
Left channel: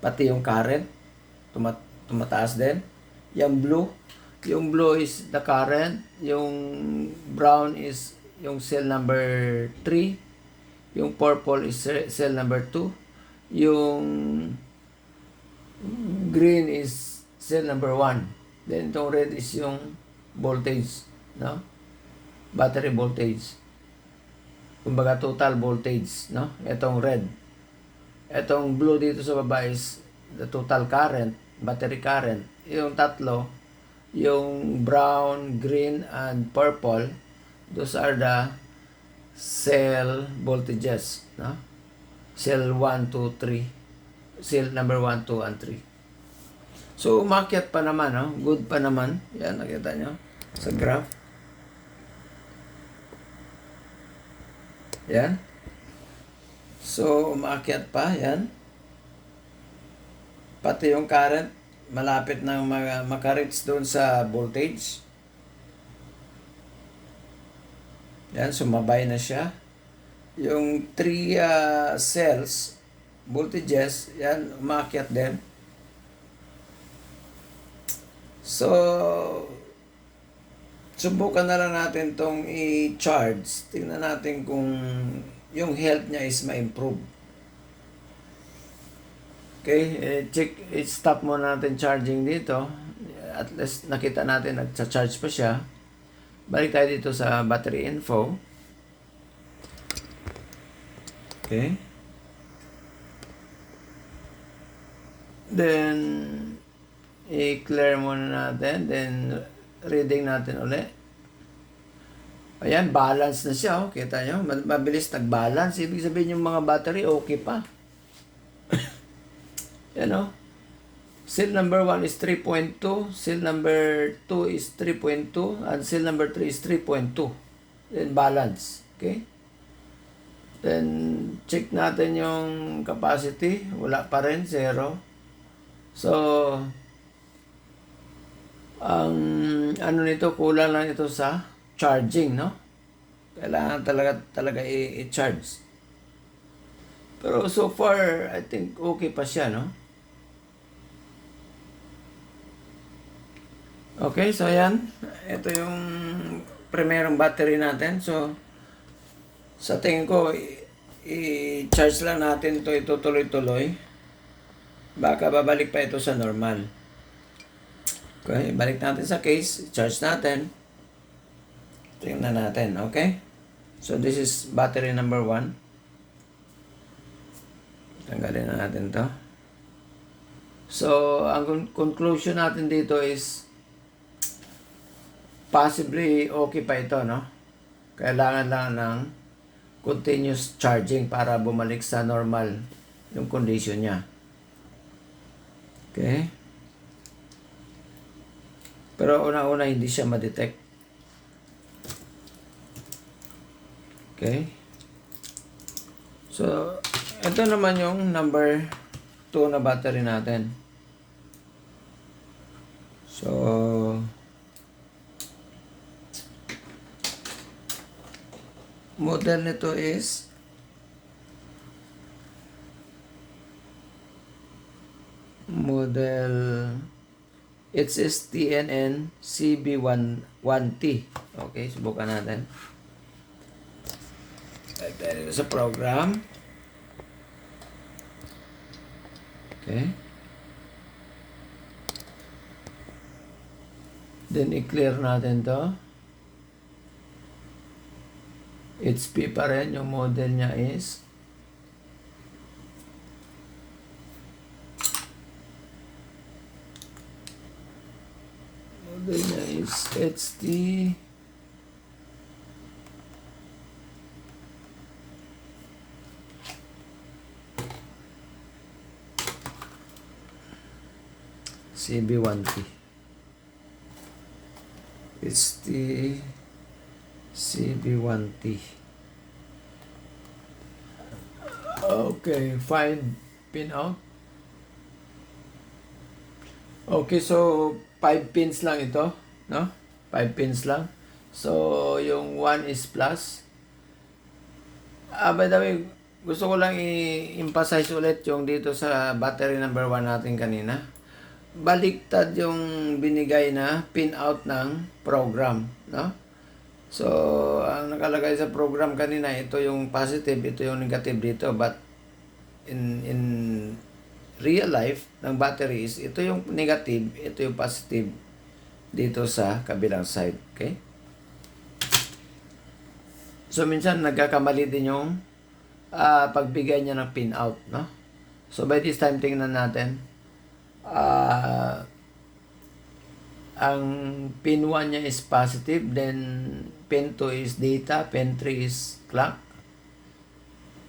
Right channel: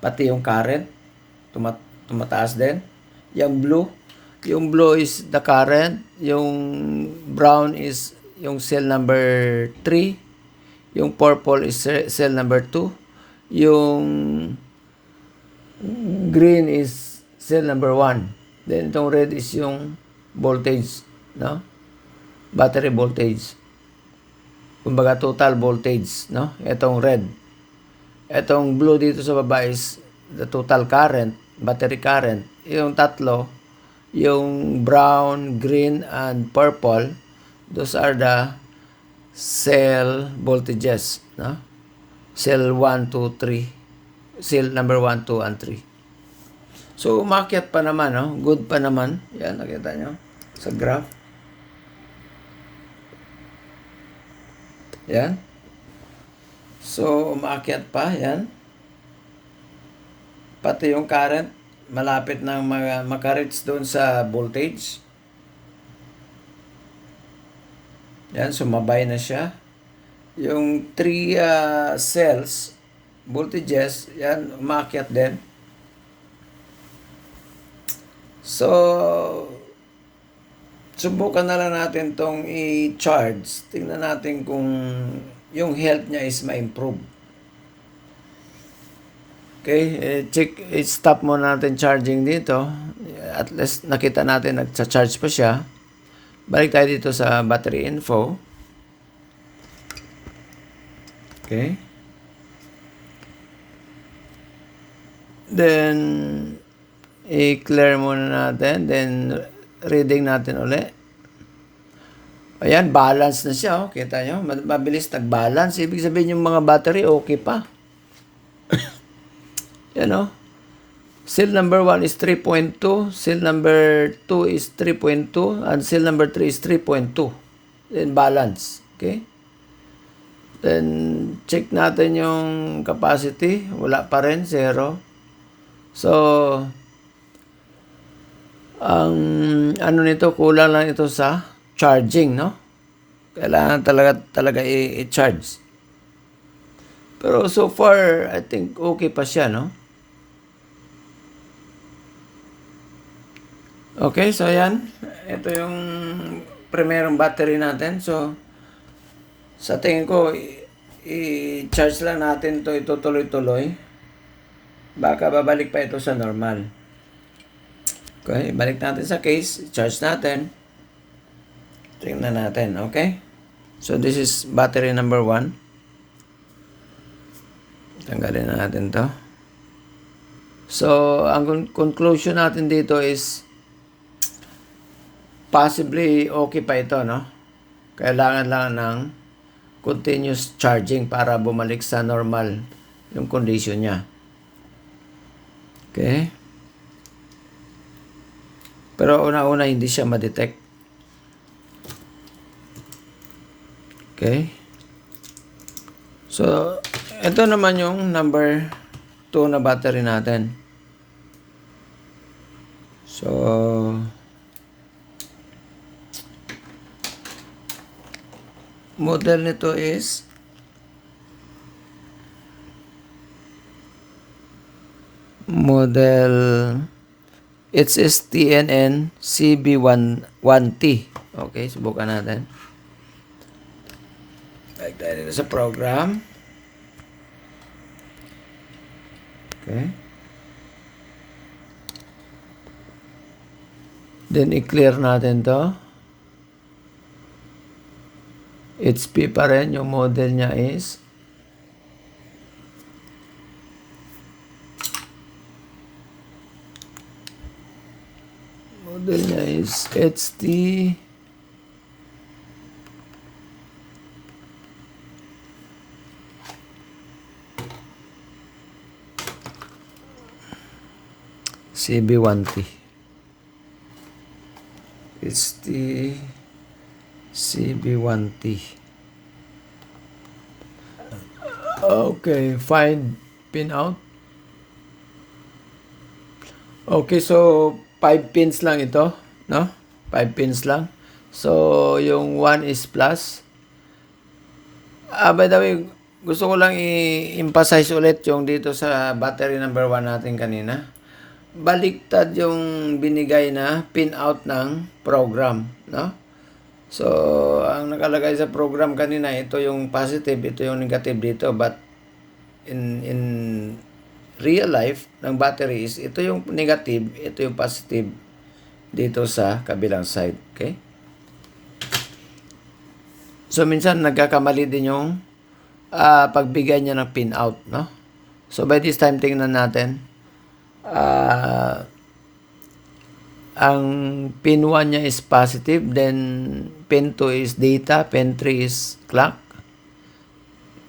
Pati yung current, tumataas din. Yung blue is the current. Yung brown is yung cell number 3. Yung purple is cell number 2. Yung green is cell number 1. Then itong red is yung voltage, no? Battery voltage. Kumbaga total voltage, no? Itong red. Itong blue dito sa baba is the total current, battery current. Yung tatlo, yung brown, green, and purple, those are the cell voltages, no? Cell 1, 2, 3. Cell number 1, 2, and 3. So, umakyat pa naman, no? Good pa naman. Yan, nakita nyo sa graph. Yan. So, umakyat pa. Yan. Pati yung current, malapit nang maka-reach doon sa voltage. Yan, sumabay na siya. Yung 3 cells, voltages, yan, umakyat din. So, subukan na lang natin tong i-charge. Tingnan natin kung yung health niya is ma-improve. Okay, stop muna natin charging dito. At least nakita natin nagcha-charge pa siya. Balik tayo dito sa battery info. Okay. Then, i-clear muna natin. Then, reading natin ulit. Ayan, balance na siya. Oh. Kita nyo? Mabilis nag-balance. Ibig sabihin yung mga battery, okay pa. Yan o. Cell number 1 is 3.2. Cell number 2 is 3.2. And cell number 3 is 3.2. Then, balance. Okay? Then, check natin yung capacity. Wala pa rin, 0. So, ang ano nito, kulang lang ito sa charging, no? Kailangan talaga i-charge. Pero so far, I think okay pa siya, no? Okay, so yan. Ito yung primerong battery natin. So, sa tingin ko, i-charge lang natin to ito tuloy-tuloy. Baka babalik pa ito sa normal. Okay, balik natin sa case. Charge natin. Tingnan natin, okay? So, this is battery number 1. Tanggalin na natin to. So, ang conclusion natin dito is possibly okay pa ito, no? Kailangan lang ng continuous charging para bumalik sa normal yung condition niya. Okay? Pero una-una hindi siya ma-detect. Okay? So, ito naman yung number 2 na battery natin. So, model nito is it's TNN CB11T. Okay, subukan natin. Like tayo sa program. Okay. Then i-clear natin to. HP pa rin, yung model niya is HT CB1T. HT CB1T. Okay, find pin out. Okay, so 5 pins lang ito, no? 5 pins lang. So, yung 1 is plus. By the way, gusto ko lang i-emphasize ulit yung dito sa battery number 1 natin kanina. Baliktad yung binigay na pin out ng program, no? So, ang nakalagay sa program kanina, ito yung positive, ito yung negative dito. But, in real life, ng batteries, ito yung negative, ito yung positive dito sa kabilang side. Okay? So, minsan, nagkakamali din yung pagbigay niya ng pin out, no? So, by this time, tingnan natin. Ang pin 1 niya is positive, then pin 2 is data, pin 3 is clock,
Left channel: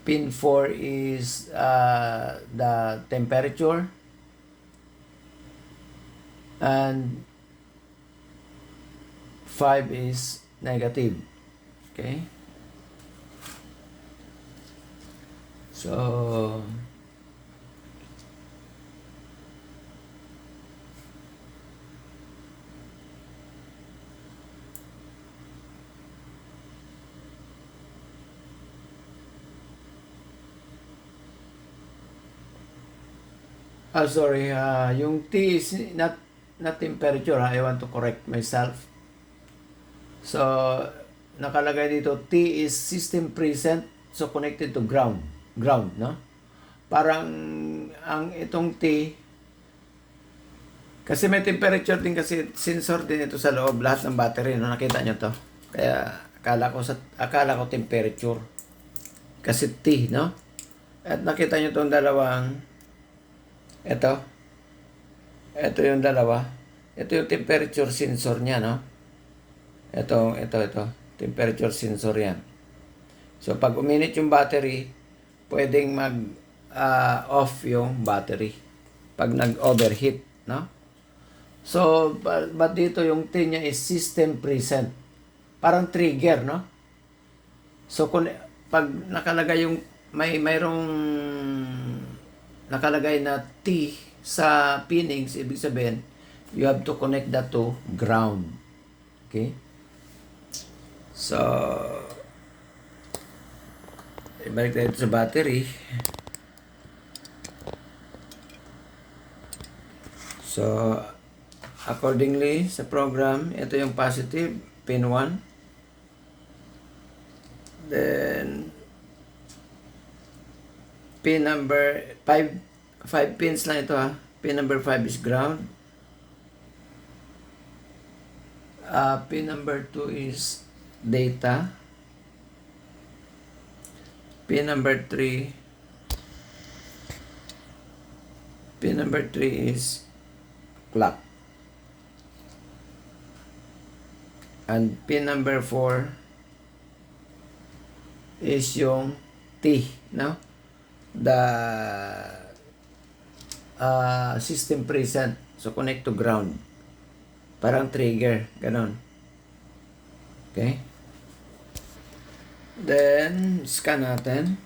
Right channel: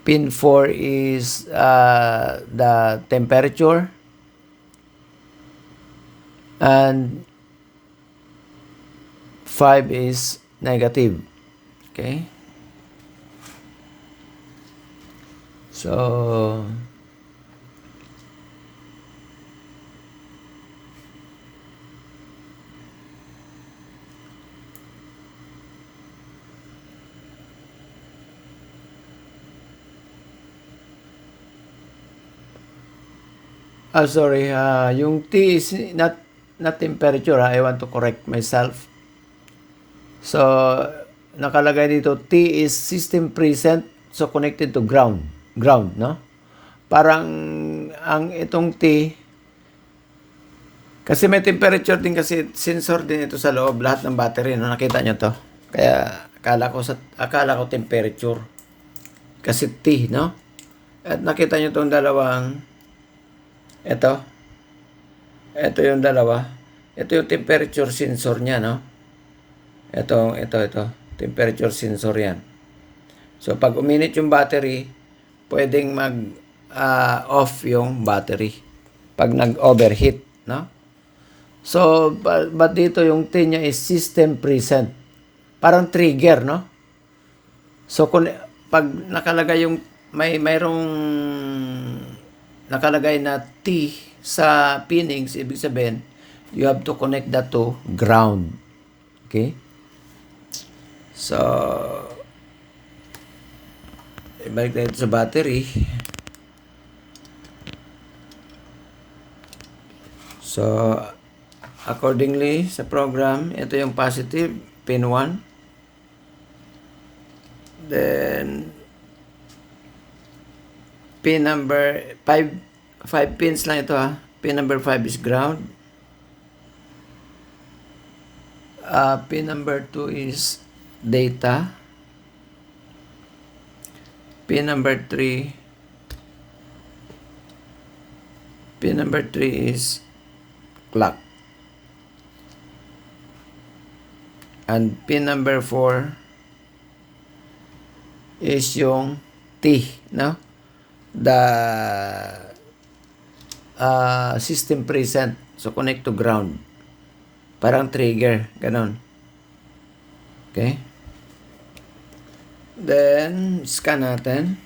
pin 4 is the temperature, and 5 is negative. Okay? So, sorry, yung T is not temperature. I want to correct myself. So, nakalagay dito, T is system present, so connected to ground, no? Parang, ang itong T, kasi may temperature din kasi, sensor din ito sa loob, lahat ng battery, no? Nakita nyo to? Kaya, akala ko temperature. Kasi T, no? At nakita nyo itong dalawang, ito yung dalawa. Ito yung temperature sensor niya, no? Ito. Temperature sensor yan. So, pag uminit yung battery, pwedeng off yung battery. Pag nag-overheat, no? So, but dito yung T niya is system present. Parang trigger, no? So, pag nakalagay yung, mayroong nakalagay na T sa pinnings, ibig sabihin, you have to connect that to ground. Okay? So, ibalik tayo sa battery. So, accordingly sa program, ito yung positive, pin 1. Then, pin number 5 pins lang ito ha. Pin number 5 is ground. Pin number 2 is data. Pin number 3 is clock. And pin number 4 is yung T, no? The system present. So, connect to ground. Parang trigger. Ganon. Okay? Then, scan natin.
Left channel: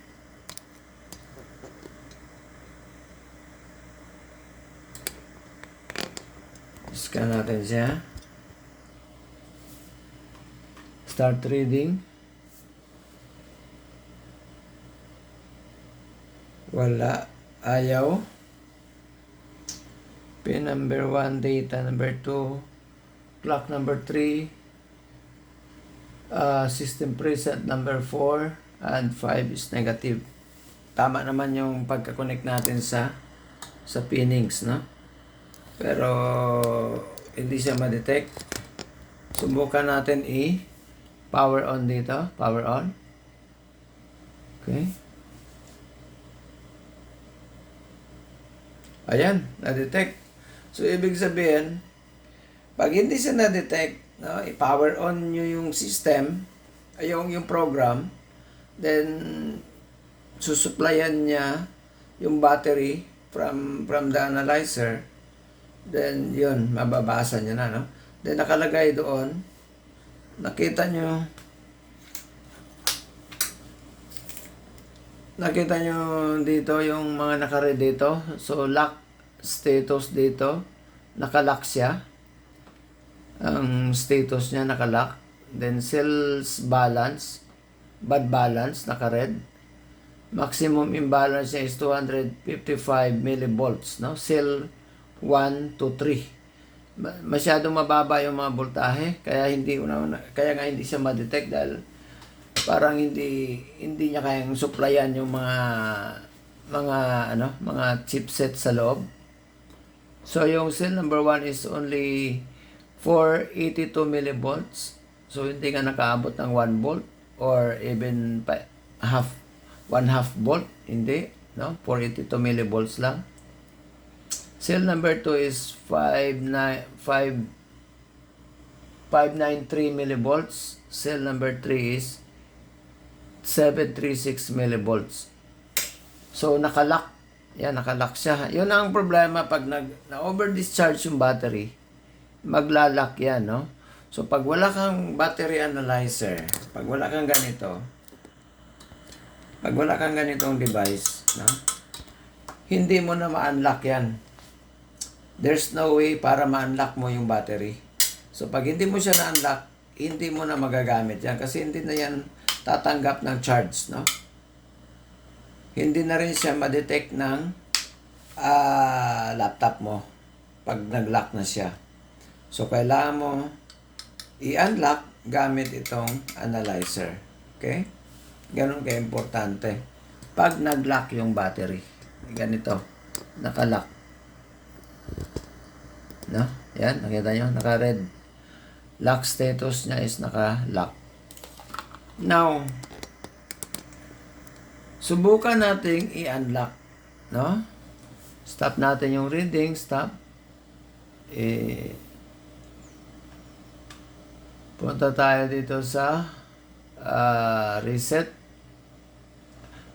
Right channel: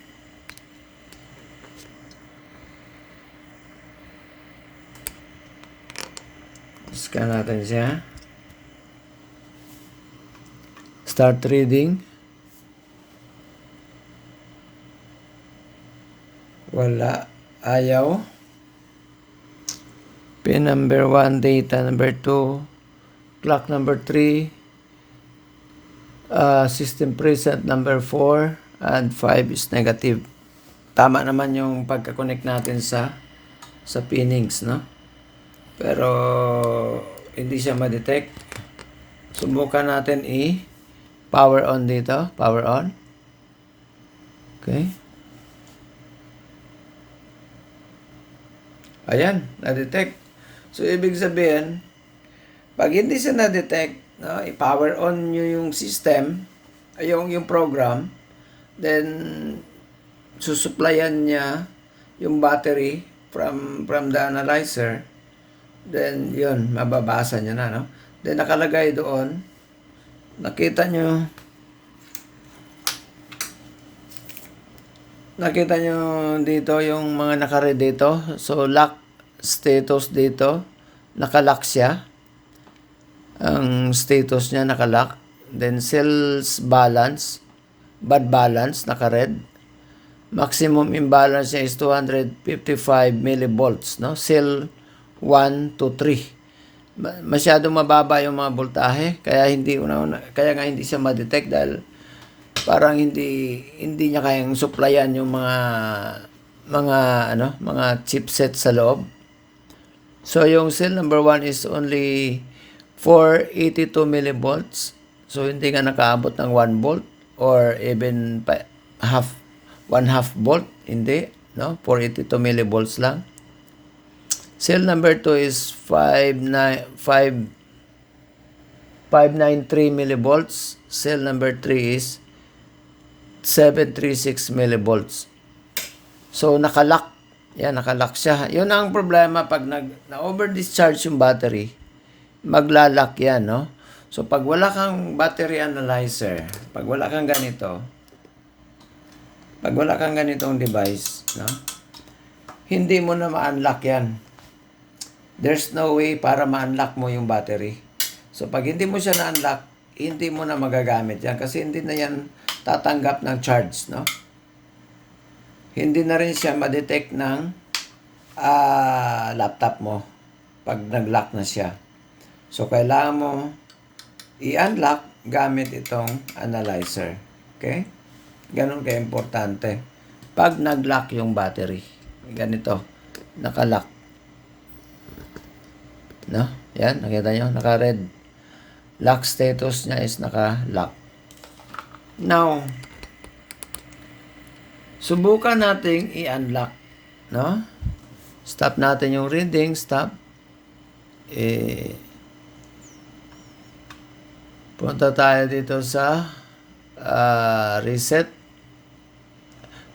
Scan natin siya. Start reading. Wala. Ayaw. Pin number 1, data number 2, clock number 3, system preset number 4, and 5 is negative. Tama naman yung pagka-connect natin sa pinnings, no? Pero hindi siya ma-detect. Subukan natin power on dito. Power on. Okay. Ayan, na-detect. So, ibig sabihin, pag hindi siya na-detect, no, i-power on nyo yung system, yung program, then, susuplayan niya yung battery from the analyzer, then, yun, mababasa niya na, no? Then, nakalagay doon, nakita nyo dito yung mga nakaread dito. So, lock status dito. Nakalock siya. Ang status niya nakalock. Then, sales balance. Bad balance, nakared. Maximum imbalance niya is 255 millivolts. No? Cell 1 to 3. Masyadong mababa yung mga voltahe. Kaya nga hindi siya ma-detect dahil parang hindi niya kayang supplyan yung mga chipset sa loob. So yung cell number 1 is only 482 millivolts. So hindi nga nakaabot ng 1 volt or even 1/2 volt, hindi, no? 482 millivolts lang. Cell number 2 is 593 millivolts. Cell number 3 is 736 millivolts. So, nakalock. Yan, nakalock siya. Yun ang problema pag na-over-discharge yung battery, maglalak yan, no? So, pag wala kang battery analyzer, pag wala kang ganitong device, no? Hindi mo na ma-unlock yan. There's no way para ma-unlock mo yung battery. So, pag hindi mo siya na-unlock, hindi mo na magagamit yan kasi hindi na yan tatanggap ng charge, no? Hindi na rin siya ma-detect ng laptop mo pag nag-lock na siya. So, kailangan mo i-unlock gamit itong analyzer. Okay? Ganun ka-importante. Pag nag-lock yung battery, ganito, naka-lock. No? Yan, nakita nyo? Naka-red. Lock status niya is naka-lock. Now, subukan nating i-unlock, no? Stop natin yung reading, stop. Punta tayo dito sa reset.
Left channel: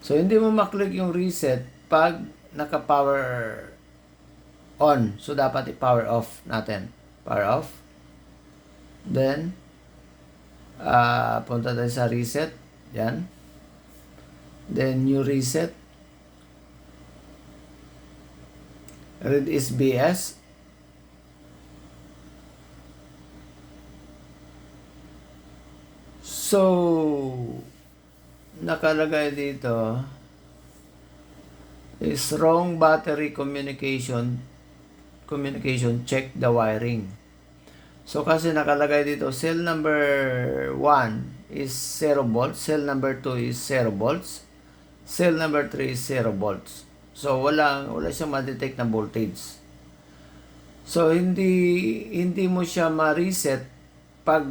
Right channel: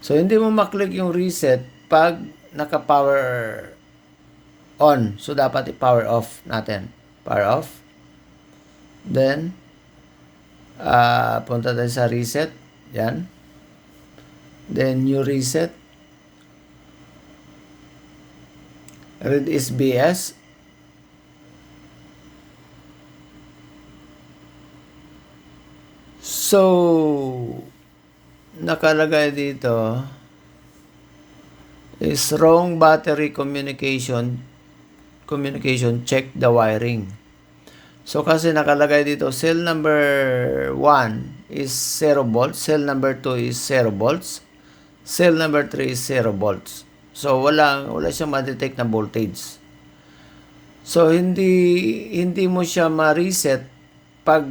So, hindi mo maklik yung reset pag naka-power on. So, dapat i-power off natin. Power off. Then, punta tayo sa reset. Yan. Then, new reset. Read is BS. So, nakalagay dito is wrong battery communication, check the wiring. So kasi nakalagay dito, cell number 1 is 0 volts, cell number 2 is 0 volts, cell number 3 is 0 volts. So wala siyang ma-detect na voltage. So hindi mo siya ma-reset pag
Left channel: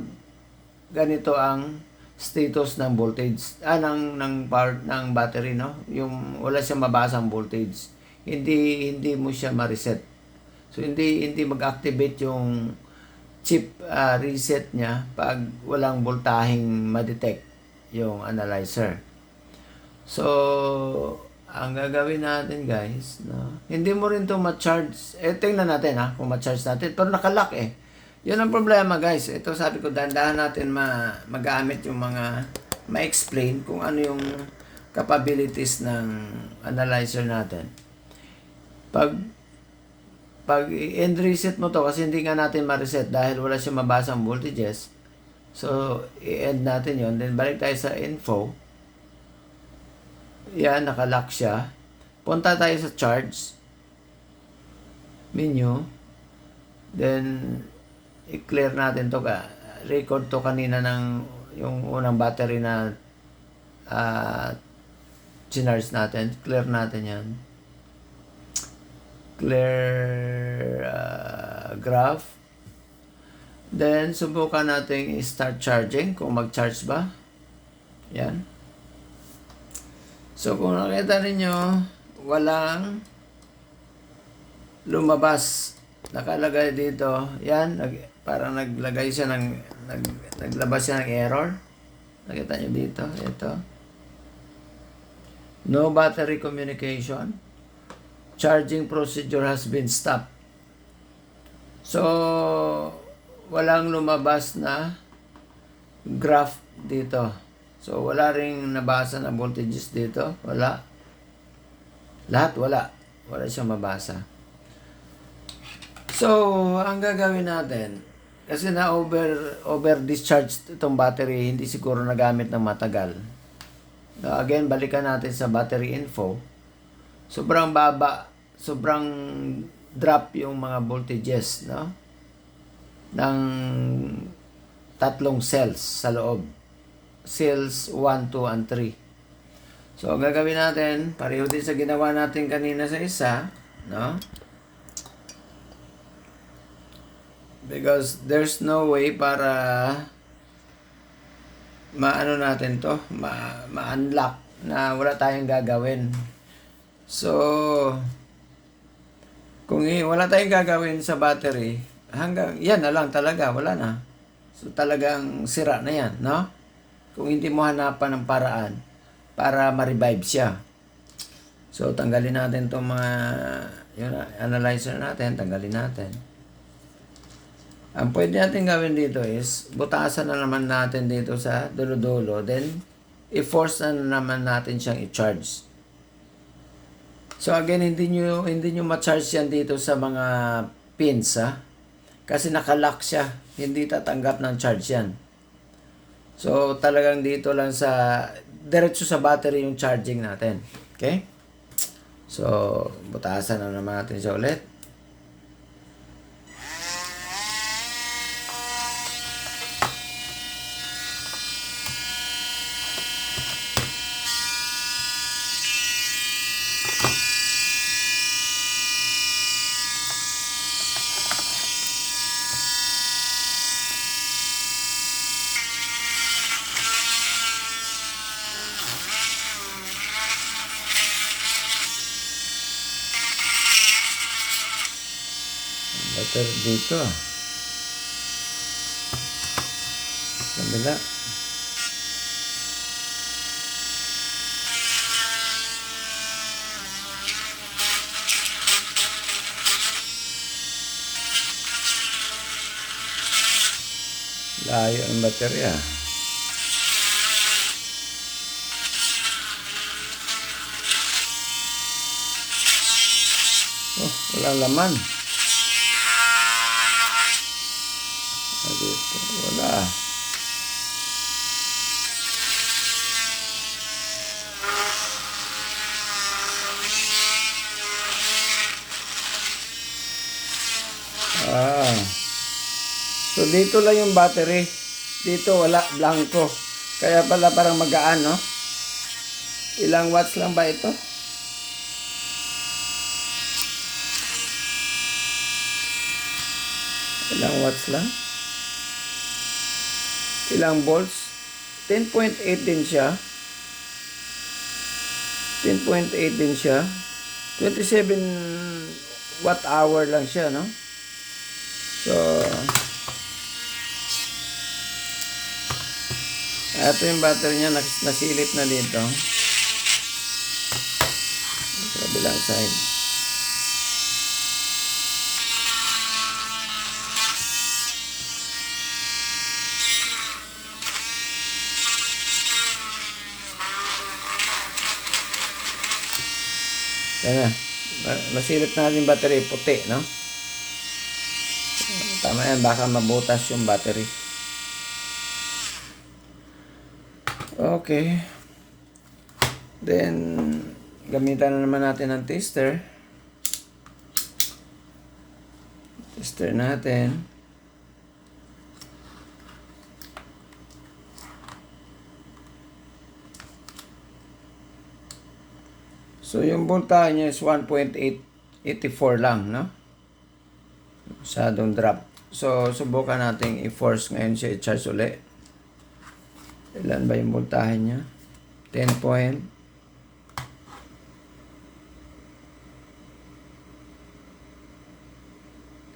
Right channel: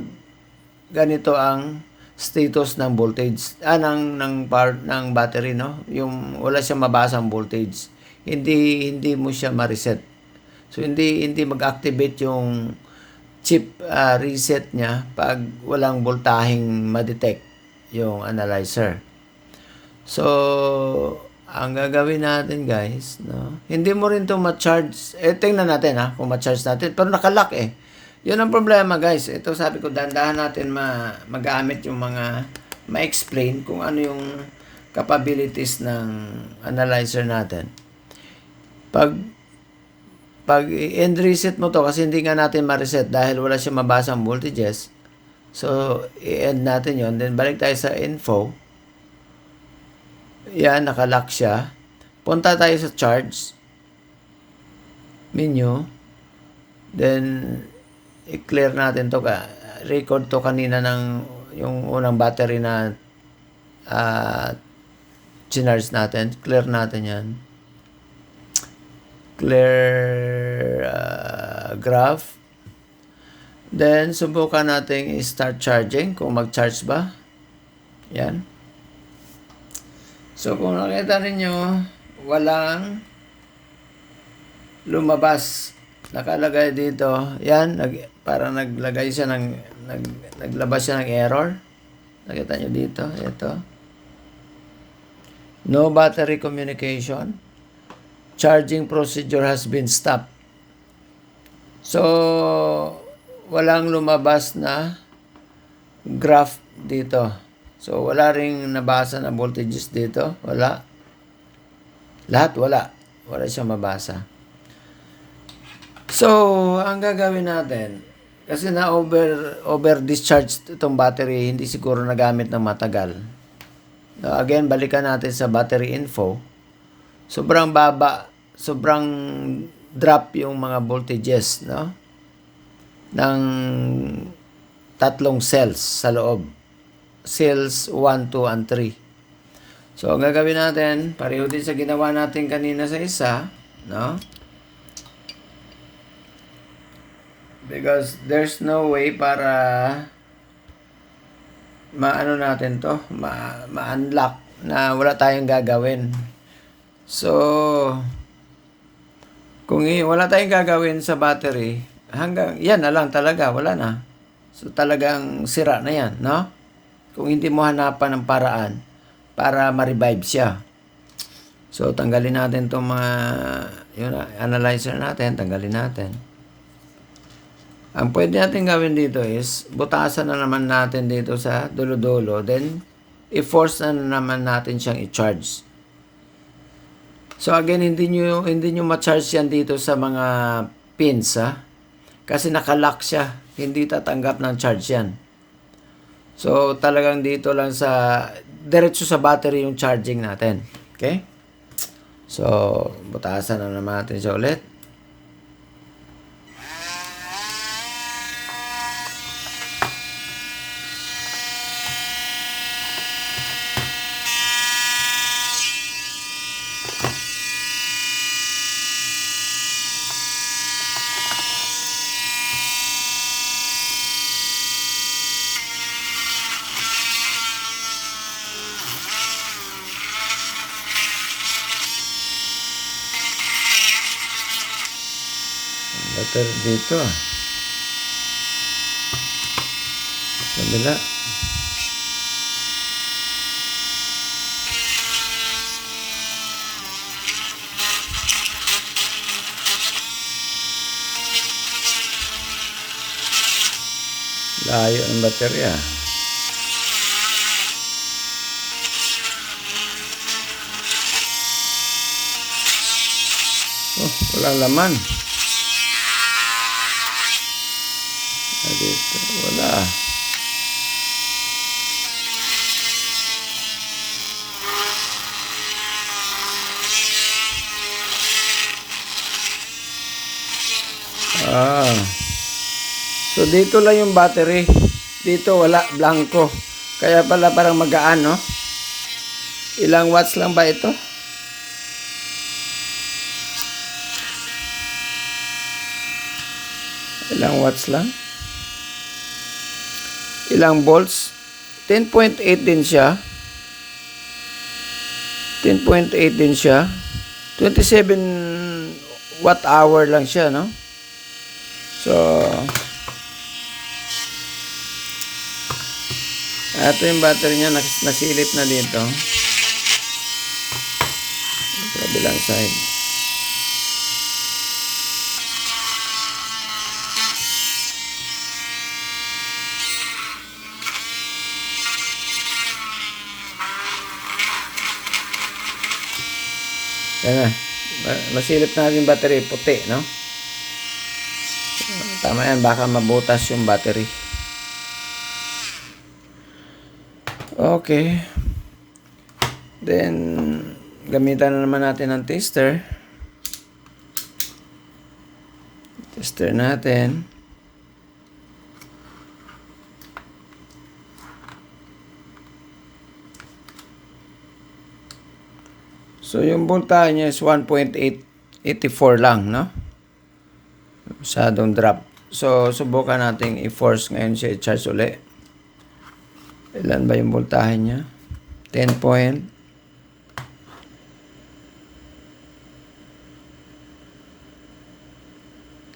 ganito ang status ng voltage ng battery, no? Yung wala siyang mabasang voltage. Hindi mo siya ma-reset. So hindi mag-activate yung chip reset niya pag walang voltaheng ma-detect yung analyzer. So ang gagawin natin, guys, no? Hindi mo rin 'to ma-charge. Tingnan natin kung ma-charge natin, pero naka-lock eh. 'Yun ang problema, guys. Ito sabi ko, dahan-dahan natin magamit yung mga ma-explain kung ano yung capabilities ng analyzer natin. Pag end reset mo to, kasi hindi nga natin ma-reset dahil wala siyang mabasang voltages. So, i-end natin yon. Then, balik tayo sa info. Yan, nakalock siya. Punta tayo sa charge menu. Then, i-clear natin to. Record to kanina ng yung unang battery na charge natin. Clear natin yan. Clear graph. Then, subukan natin i-start charging kung mag-charge ba. Yan. So, kung nakita ninyo, walang lumabas. Nakalagay dito. Yan, parang naglagay siya naglabas siya ng error. Nakita nyo dito. Ito. No battery communication. Charging procedure has been stopped. So, walang lumabas na graph dito. So, wala ring nabasa na voltages dito. Wala. Lahat wala. Wala siyang mabasa. So, ang gagawin natin, kasi na over discharge itong battery, hindi siguro nagamit ng matagal. Again, balikan natin sa battery info. Sobrang baba, sobrang drop yung mga voltages, no? Ng tatlong cells sa loob. Cells 1, 2, and 3. So, ang gagawin natin, pareho din sa ginawa natin kanina sa isa, no? Because there's no way para maano natin to, ma-unlock na wala tayong gagawin. So, kung wala tayong gagawin sa battery, hanggang yan na lang talaga, wala na. So, talagang sira na yan, no? Kung hindi mo hanapan ng paraan para ma-revive siya. So, tanggalin natin itong mga yung analyzer natin, tanggalin natin. Ang pwede natin gawin dito is, butasan na naman natin dito sa dulo-dulo, then, i-force na naman natin siyang i-charge. So again, hindi nyo ma-charge yan dito sa mga pins, kasi nakalock siya, hindi tatanggap ng charge yan. So talagang dito lang diretso sa battery yung charging natin. Okay? So, butasan na naman natin siya ulit. Battery dito. Kabila. Layo ang baterya. Oh, walang laman. Dito, wala. dito lang yung battery. Dito wala, blanco. Kaya pala parang magaan, no? Ilang watts lang ba ito? Ilang watts lang? Ilang volts? 10.8 din siya. 10.8 din siya. 27 watt hour lang siya, no? So, ito yung battery niya, nasilip na dito. Sa kabilang side. Yan na. Masilip na yung battery, puti, no? Tama yan, baka mabutas yung battery. Okay. Then, gamitan na naman natin ng tester. Tester natin. So, yung voltahe niya is 1.884 lang, no? Masyadong drop. So, subukan natin i-force ngayon siya i-charge ulit. Ilan ba yung voltahe niya? 10 point.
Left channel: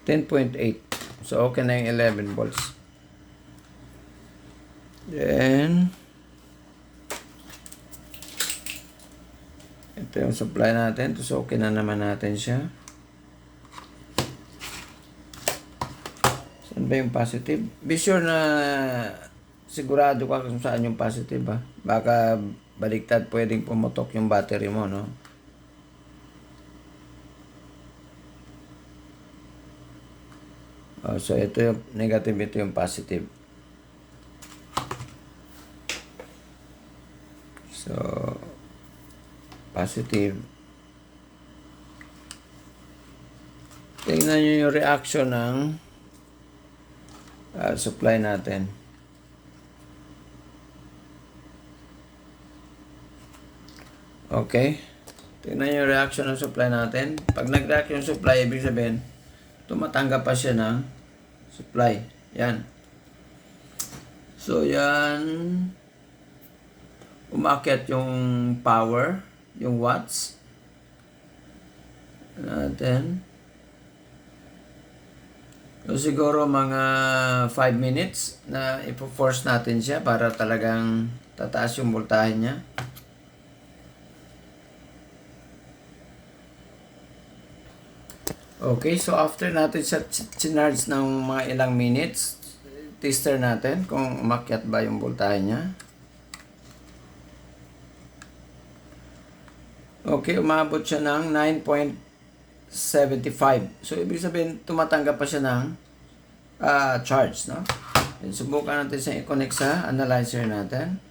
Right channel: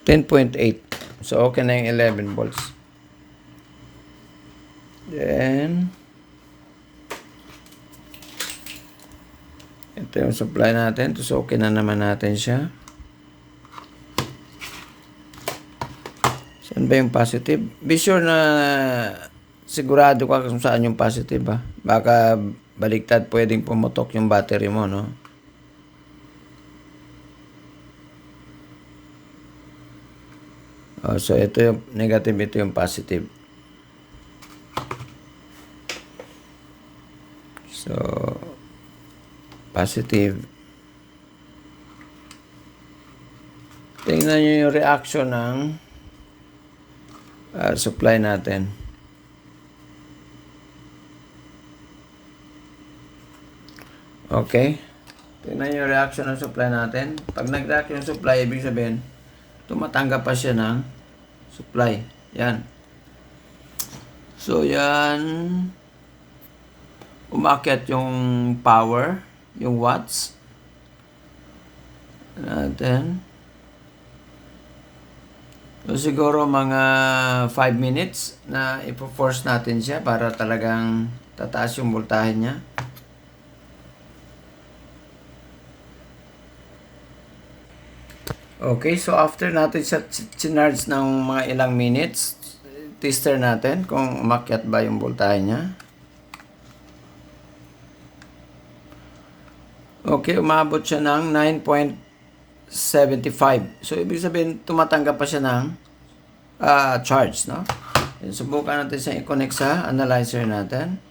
10.8. So, okay na yung 11 volts. Then, ito yung supply natin. So, okay na naman natin siya. Saan ba yung positive? Be sure na sigurado ka kung saan yung positive, ha? Baka baliktad, pwedeng pumutok yung battery mo, no? Oh, so, ito yung negative, ito yung positive. So, positive. Tingnan nyo yung reaction ng supply natin. Okay. Tingnan nyo yung reaction ng supply natin. Pag nag-react yung supply, ibig sabihin, tumatanggap pa siya ng supply. Yan. So, yan. Umakyat yung power, yung watts. Natin. So, siguro mga 5 minutes na ipo-force natin siya para talagang tataas yung voltahe niya. Okay, so after natin sa charge ng mga ilang minutes, tester natin kung umakyat ba yung voltahe niya. Okay, umabot siya ng 9.75. So, ibig sabihin, tumatanggap pa siya ng charge, no? Subukan natin siya i-connect sa analyzer natin.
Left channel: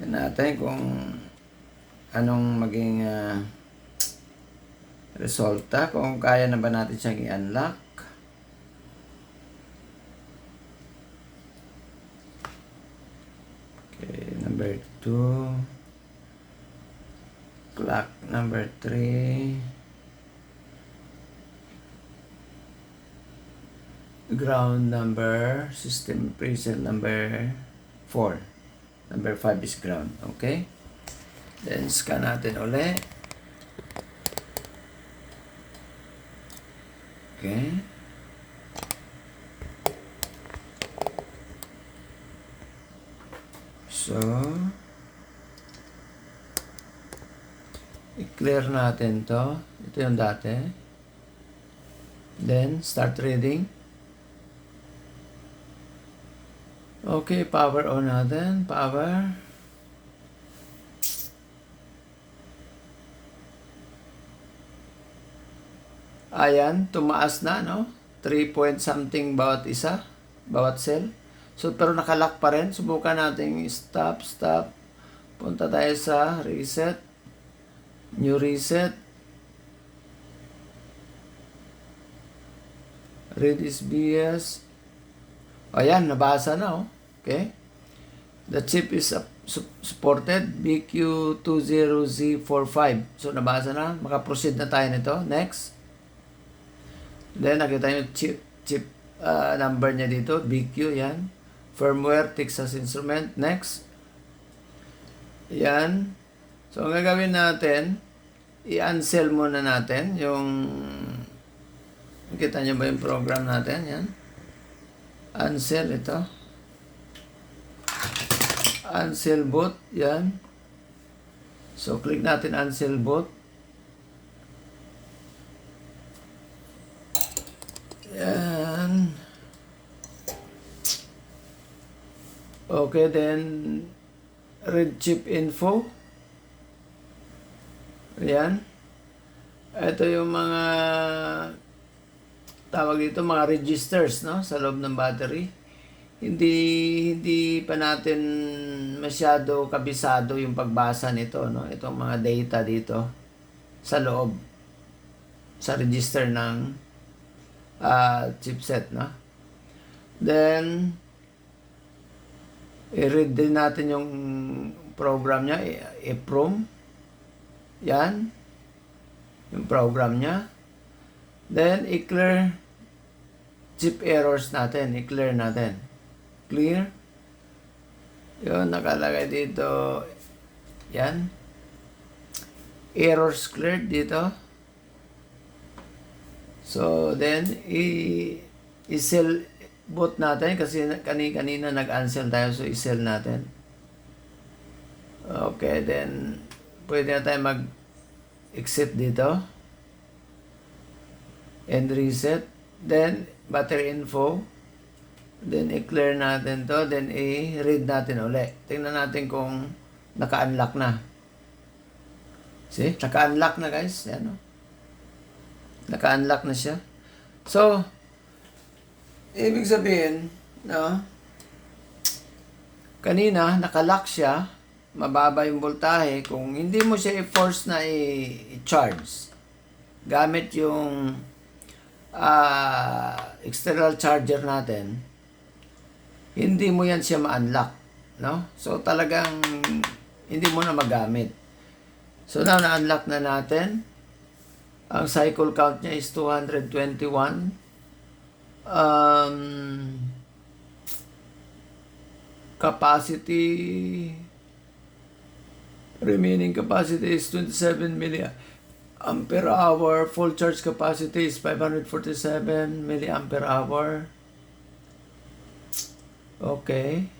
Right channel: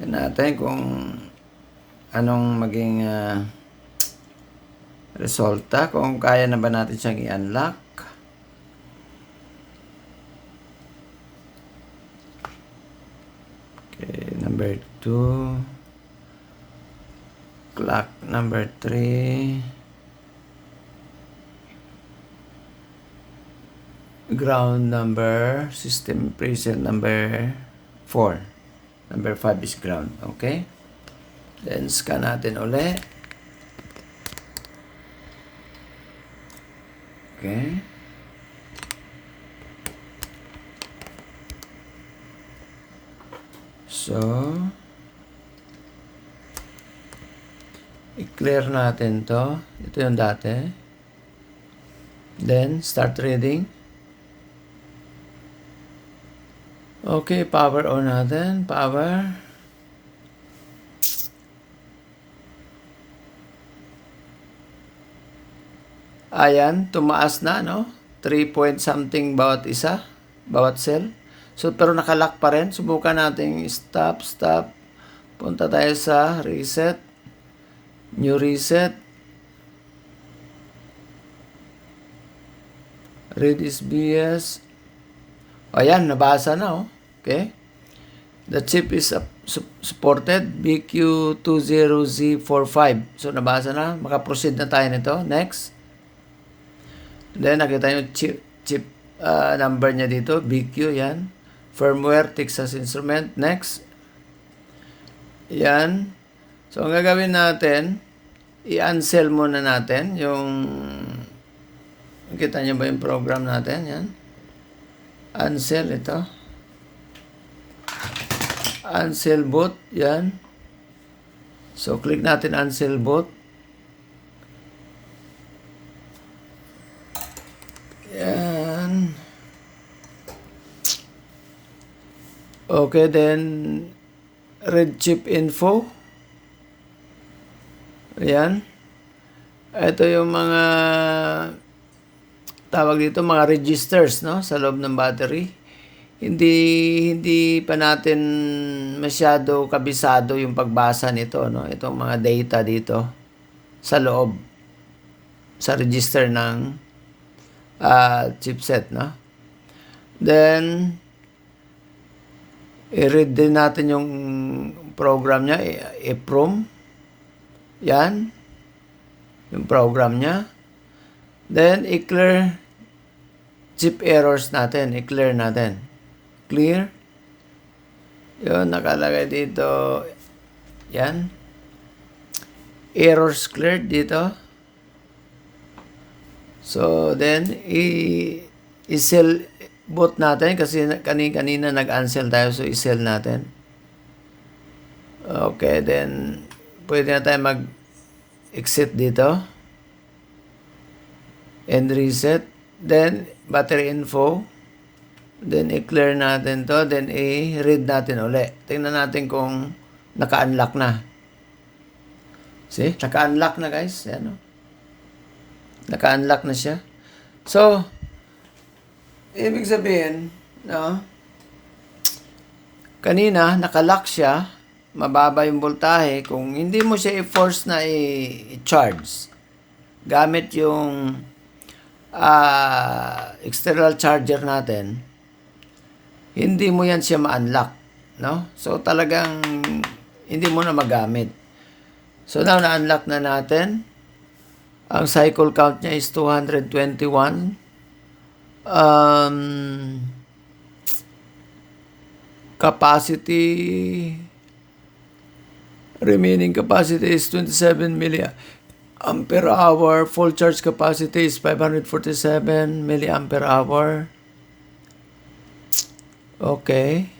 Yan natin kung anong maging resulta, kung kaya na ba natin siyang i-unlock. Okay, number 2. Clock number 3. Ground number, system preset number 4. Number 5 is ground. Okay? Then, scan natin ulit. Okay. So, i-clear natin to. Ito yung dati. Then, start reading. Okay, power on natin. Power. Ayan, tumaas na, no? 3 point something bawat isa, bawat cell. So, pero nakalock pa rin. Subukan natin stop. Punta tayo sa reset. New reset. Read is BS. O yan, nabasa na oh. Okay? The chip is supported BQ20Z45. So nabasa na, makaproceed na tayo nito. Next. Then nakita nyo chip number niya dito, BQ yan. Firmware, Texas Instrument. Next. Yan. So ang gagawin natin, i-unsell muna natin yung, kita nyo ba yung program natin? Yan. Unsell ito. Unsell boot, yan. So, click natin unsell boot. Yan. Okay, then read chip info. Yan. Ito yung mga tawag dito, mga registers, no, sa loob ng battery. Hindi pa natin masyado kabisado yung pagbasa nito, no? Itong mga data dito sa loob sa register ng chipset, no? Then i-read din natin yung program niya, EEPROM. Yan. Yung program niya. Then i-clear chip errors natin, i-clear natin. Clear. Yun, nakalagay dito. Yan. Errors cleared dito. So, then, i-sell boot natin kasi kanina nag-unsell tayo. So, i-sell natin. Okay, then, pwede na tayo mag-exit dito. And reset. Then, battery info. Then, i-clear natin to. Then, i-read natin uli. Tingnan natin kung naka-unlock na. See? Naka-unlock na, guys. Yan, no? Naka-unlock na siya. So, ibig sabihin, no? Kanina, naka-lock siya. Mababa yung voltahe. Kung hindi mo siya i-force na i-charge, gamit yung external charger natin, hindi mo yan siya ma-unlock, no? So, talagang hindi mo na magamit. So, now, na-unlock na natin. Ang cycle count niya is 221. Capacity, remaining capacity is 27 milliampere hour. Full charge capacity is 547 milliampere hour. Okay.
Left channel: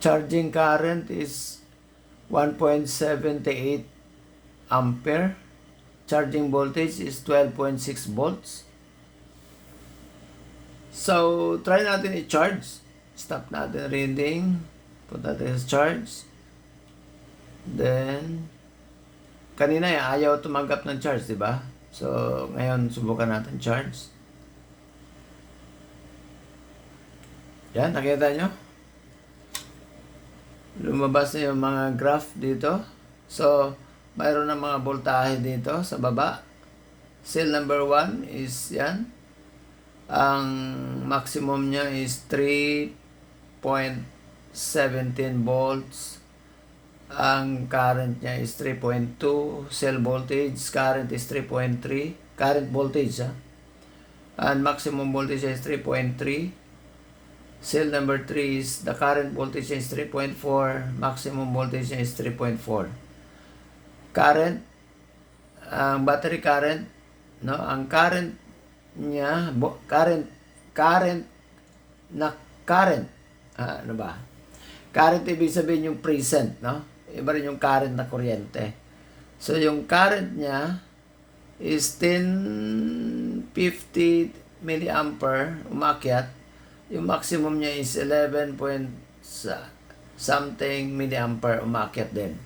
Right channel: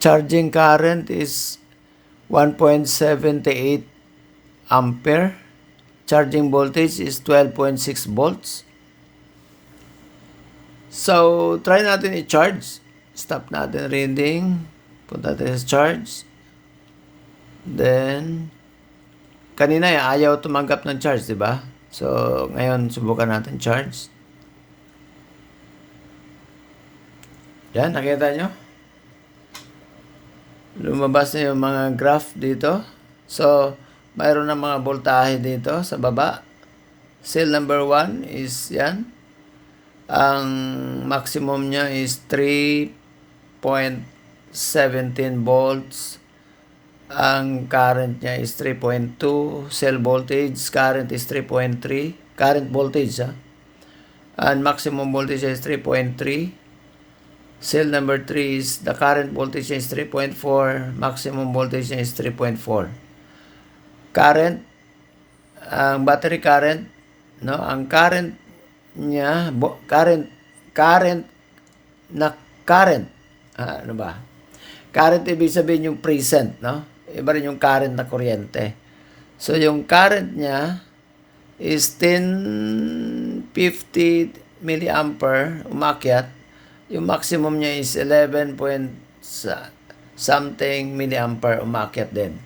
Charging current is 1.78 ampere. Charging voltage is 12.6 volts. So, try natin i-charge. Stop natin reading. Punta natin sa charge. Then, kanina ayaw tumanggap ng charge, di ba? So, ngayon subukan natin charge. Yan, nakita nyo? Lumabas na yung mga graph dito. So, mayroon na mga voltahe dito sa baba. Cell number 1 is yan. Ang maximum niya is 3.17 volts. Ang current niya is 3.2. Cell voltage, current is 3.3. Current voltage, ha? And maximum voltage is 3.3. Cell number 3 is, the current voltage is 3.4, maximum voltage is 3.4. Current, ang battery current, no, ang current niya, current, ano ba? Current, ibig sabihin yung present, no? Iba rin yung current na kuryente. So, yung current niya is 1050 milliampere, umakyat. Yung maximum niya is 11 point something milliampere, umakyat din.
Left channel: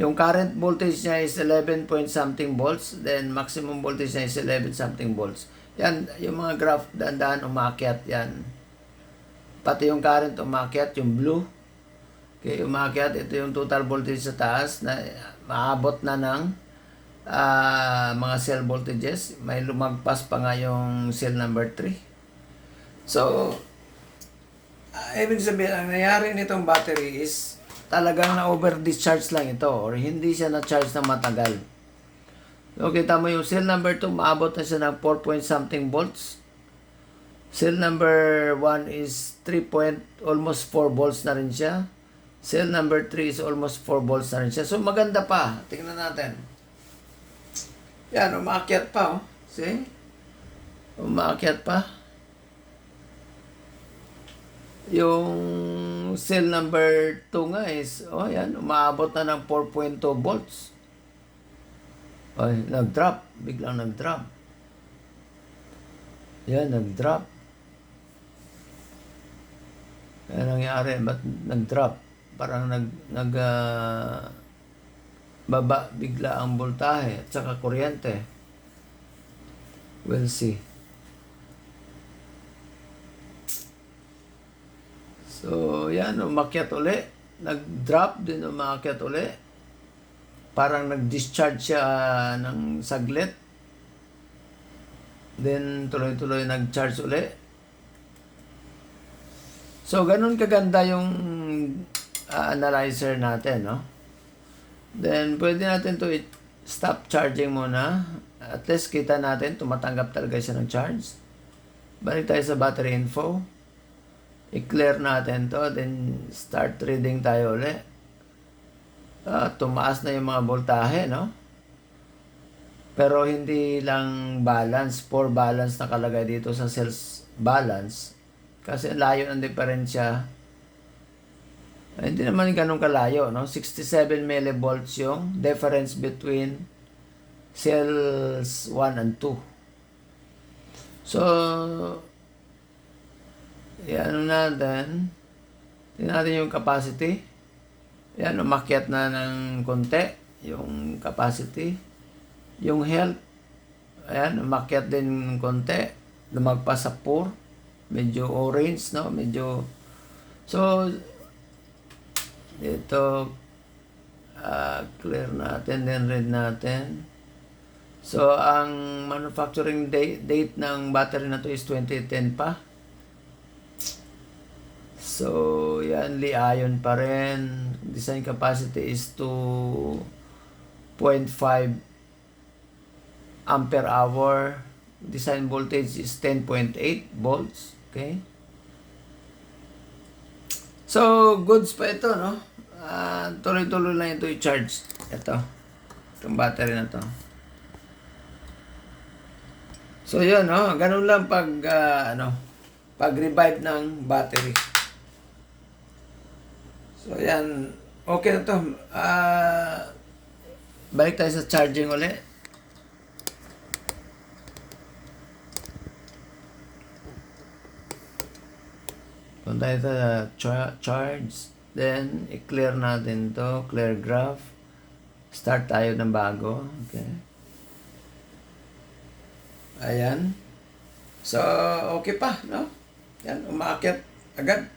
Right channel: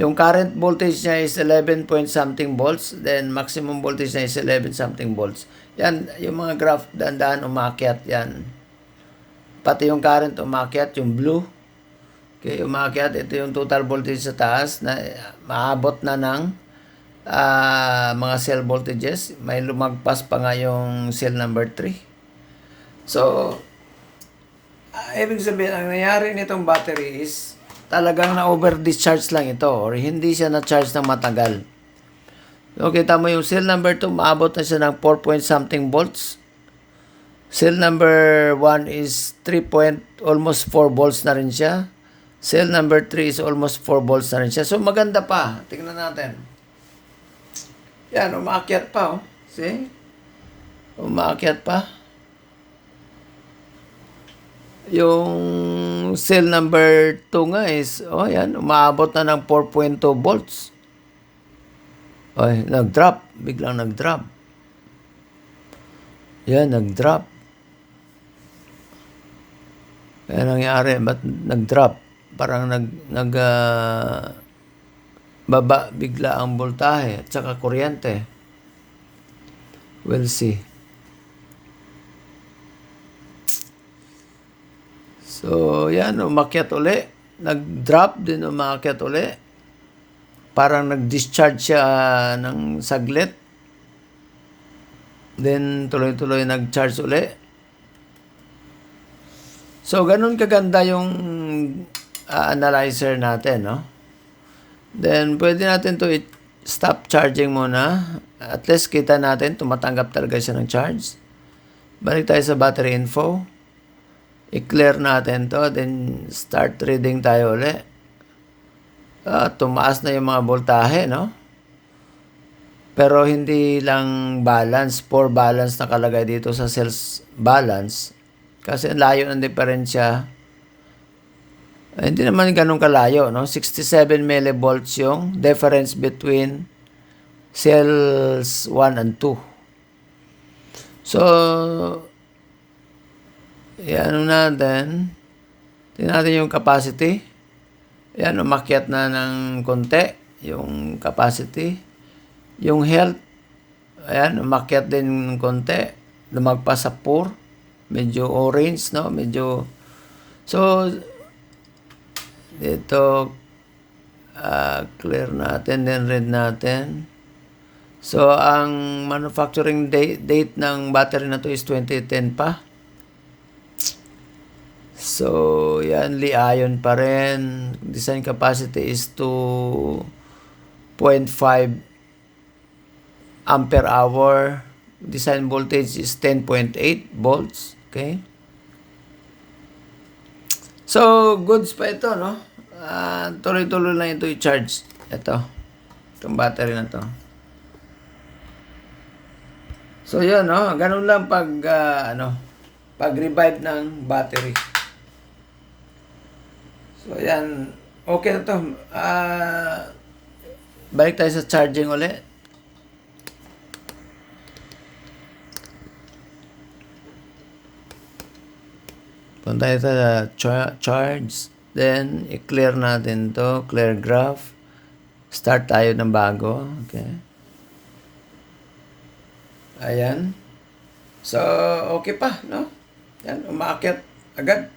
Yung current voltage niya is 11 point something volts, then maximum voltage niya is 11 something volts. Yan, yung mga graph, dahan-dahan umakyat yan. Pati yung current umakyat, yung blue. Okay, umakyat, ito yung total voltage sa taas na maabot na ng mga cell voltages. May lumagpas pa nga yung cell number 3. So, ibig sabihin, ang nangyari nitong battery is talagang na-over-discharge lang ito or hindi siya na-charge ng matagal. So, kita mo yung cell number 2, maabot na siya ng 4 point something volts. Cell number 1 is 3 point, almost 4 volts na rin siya. Cell number 3 is almost 4 volts na rin siya. So, maganda pa. Tingnan natin. Yan, umaakyat pa, oh. See? Umaakyat pa. Yung cell number 2 nga is, oh yan, umaabot na ng 4.2 volts. Ay, nag-drop. Biglang nag-drop. Yan, nag-drop. Kaya nangyari, ba't nag-drop? Parang baba bigla ang voltahe at saka kuryente. We'll see. So, yan, umakyat uli. Nag-drop din, umakyat uli. Parang nag-discharge siya ng saglit. Then, tuloy-tuloy nag-charge uli. So, ganun kaganda yung analyzer natin, no? Then, pwede natin to stop charging muna. At least kita natin, tumatanggap talaga siya ng charge. Balik tayo sa battery info. I-clear natin to, then start reading tayo ulit. Tumaas na yung mga voltahe, no? Pero hindi lang balance, poor balance nakalagay dito sa cells balance. Kasi layo ng diferensya. Hindi naman ganun kalayo, no? 67 millivolts yung difference between cells 1 and 2. So, yan natin. Tingnan natin yung capacity. Yan, umakyat na ng konti yung capacity. Yung health, ayan, umakyat din ng konti. Lumagpas sa 4. Medyo orange, no? Medyo, so, ito, clear natin, then read natin. So, ang manufacturing date ng battery na to is 2010 pa. So, yan, Li-ion pa rin. Design capacity is 2.5 ampere hour. Design voltage is 10.8 volts. Okay? So, goods pa ito, no? Tuloy-tuloy lang ito i-charge. Itong battery na to. So, yun, no? Ganun lang pag-revive ng battery. So, yan. Okay na to. Balik tayo sa charging ulit. Punta tayo sa charge. Then, i-clear natin to. Clear graph. Start tayo ng bago. Okay. Ayan. So, okay pa, no? Yan, umaakyat agad.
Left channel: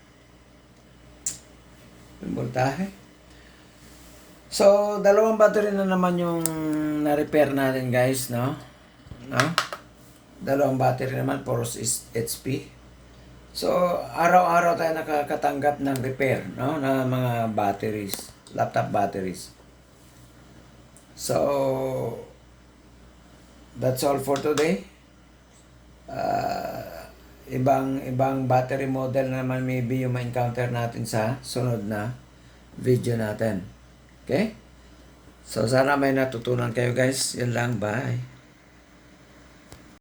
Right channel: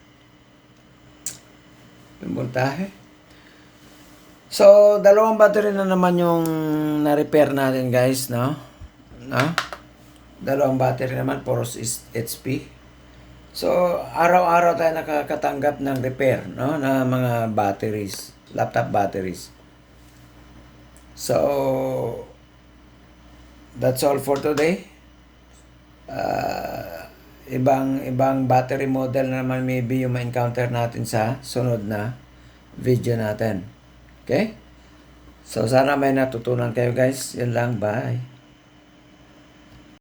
Yung voltahe. So, dalawang battery na naman yung na-repair natin, guys, no? Dalawang battery naman, for HP. So, araw-araw tayo nakakatanggap ng repair, no? Na mga batteries, laptop batteries. So, that's all for today. Ibang battery model na naman maybe yung ma-encounter natin sa sunod na video natin. Okay? So, sana may natutunan kayo, guys. Yun lang. Bye.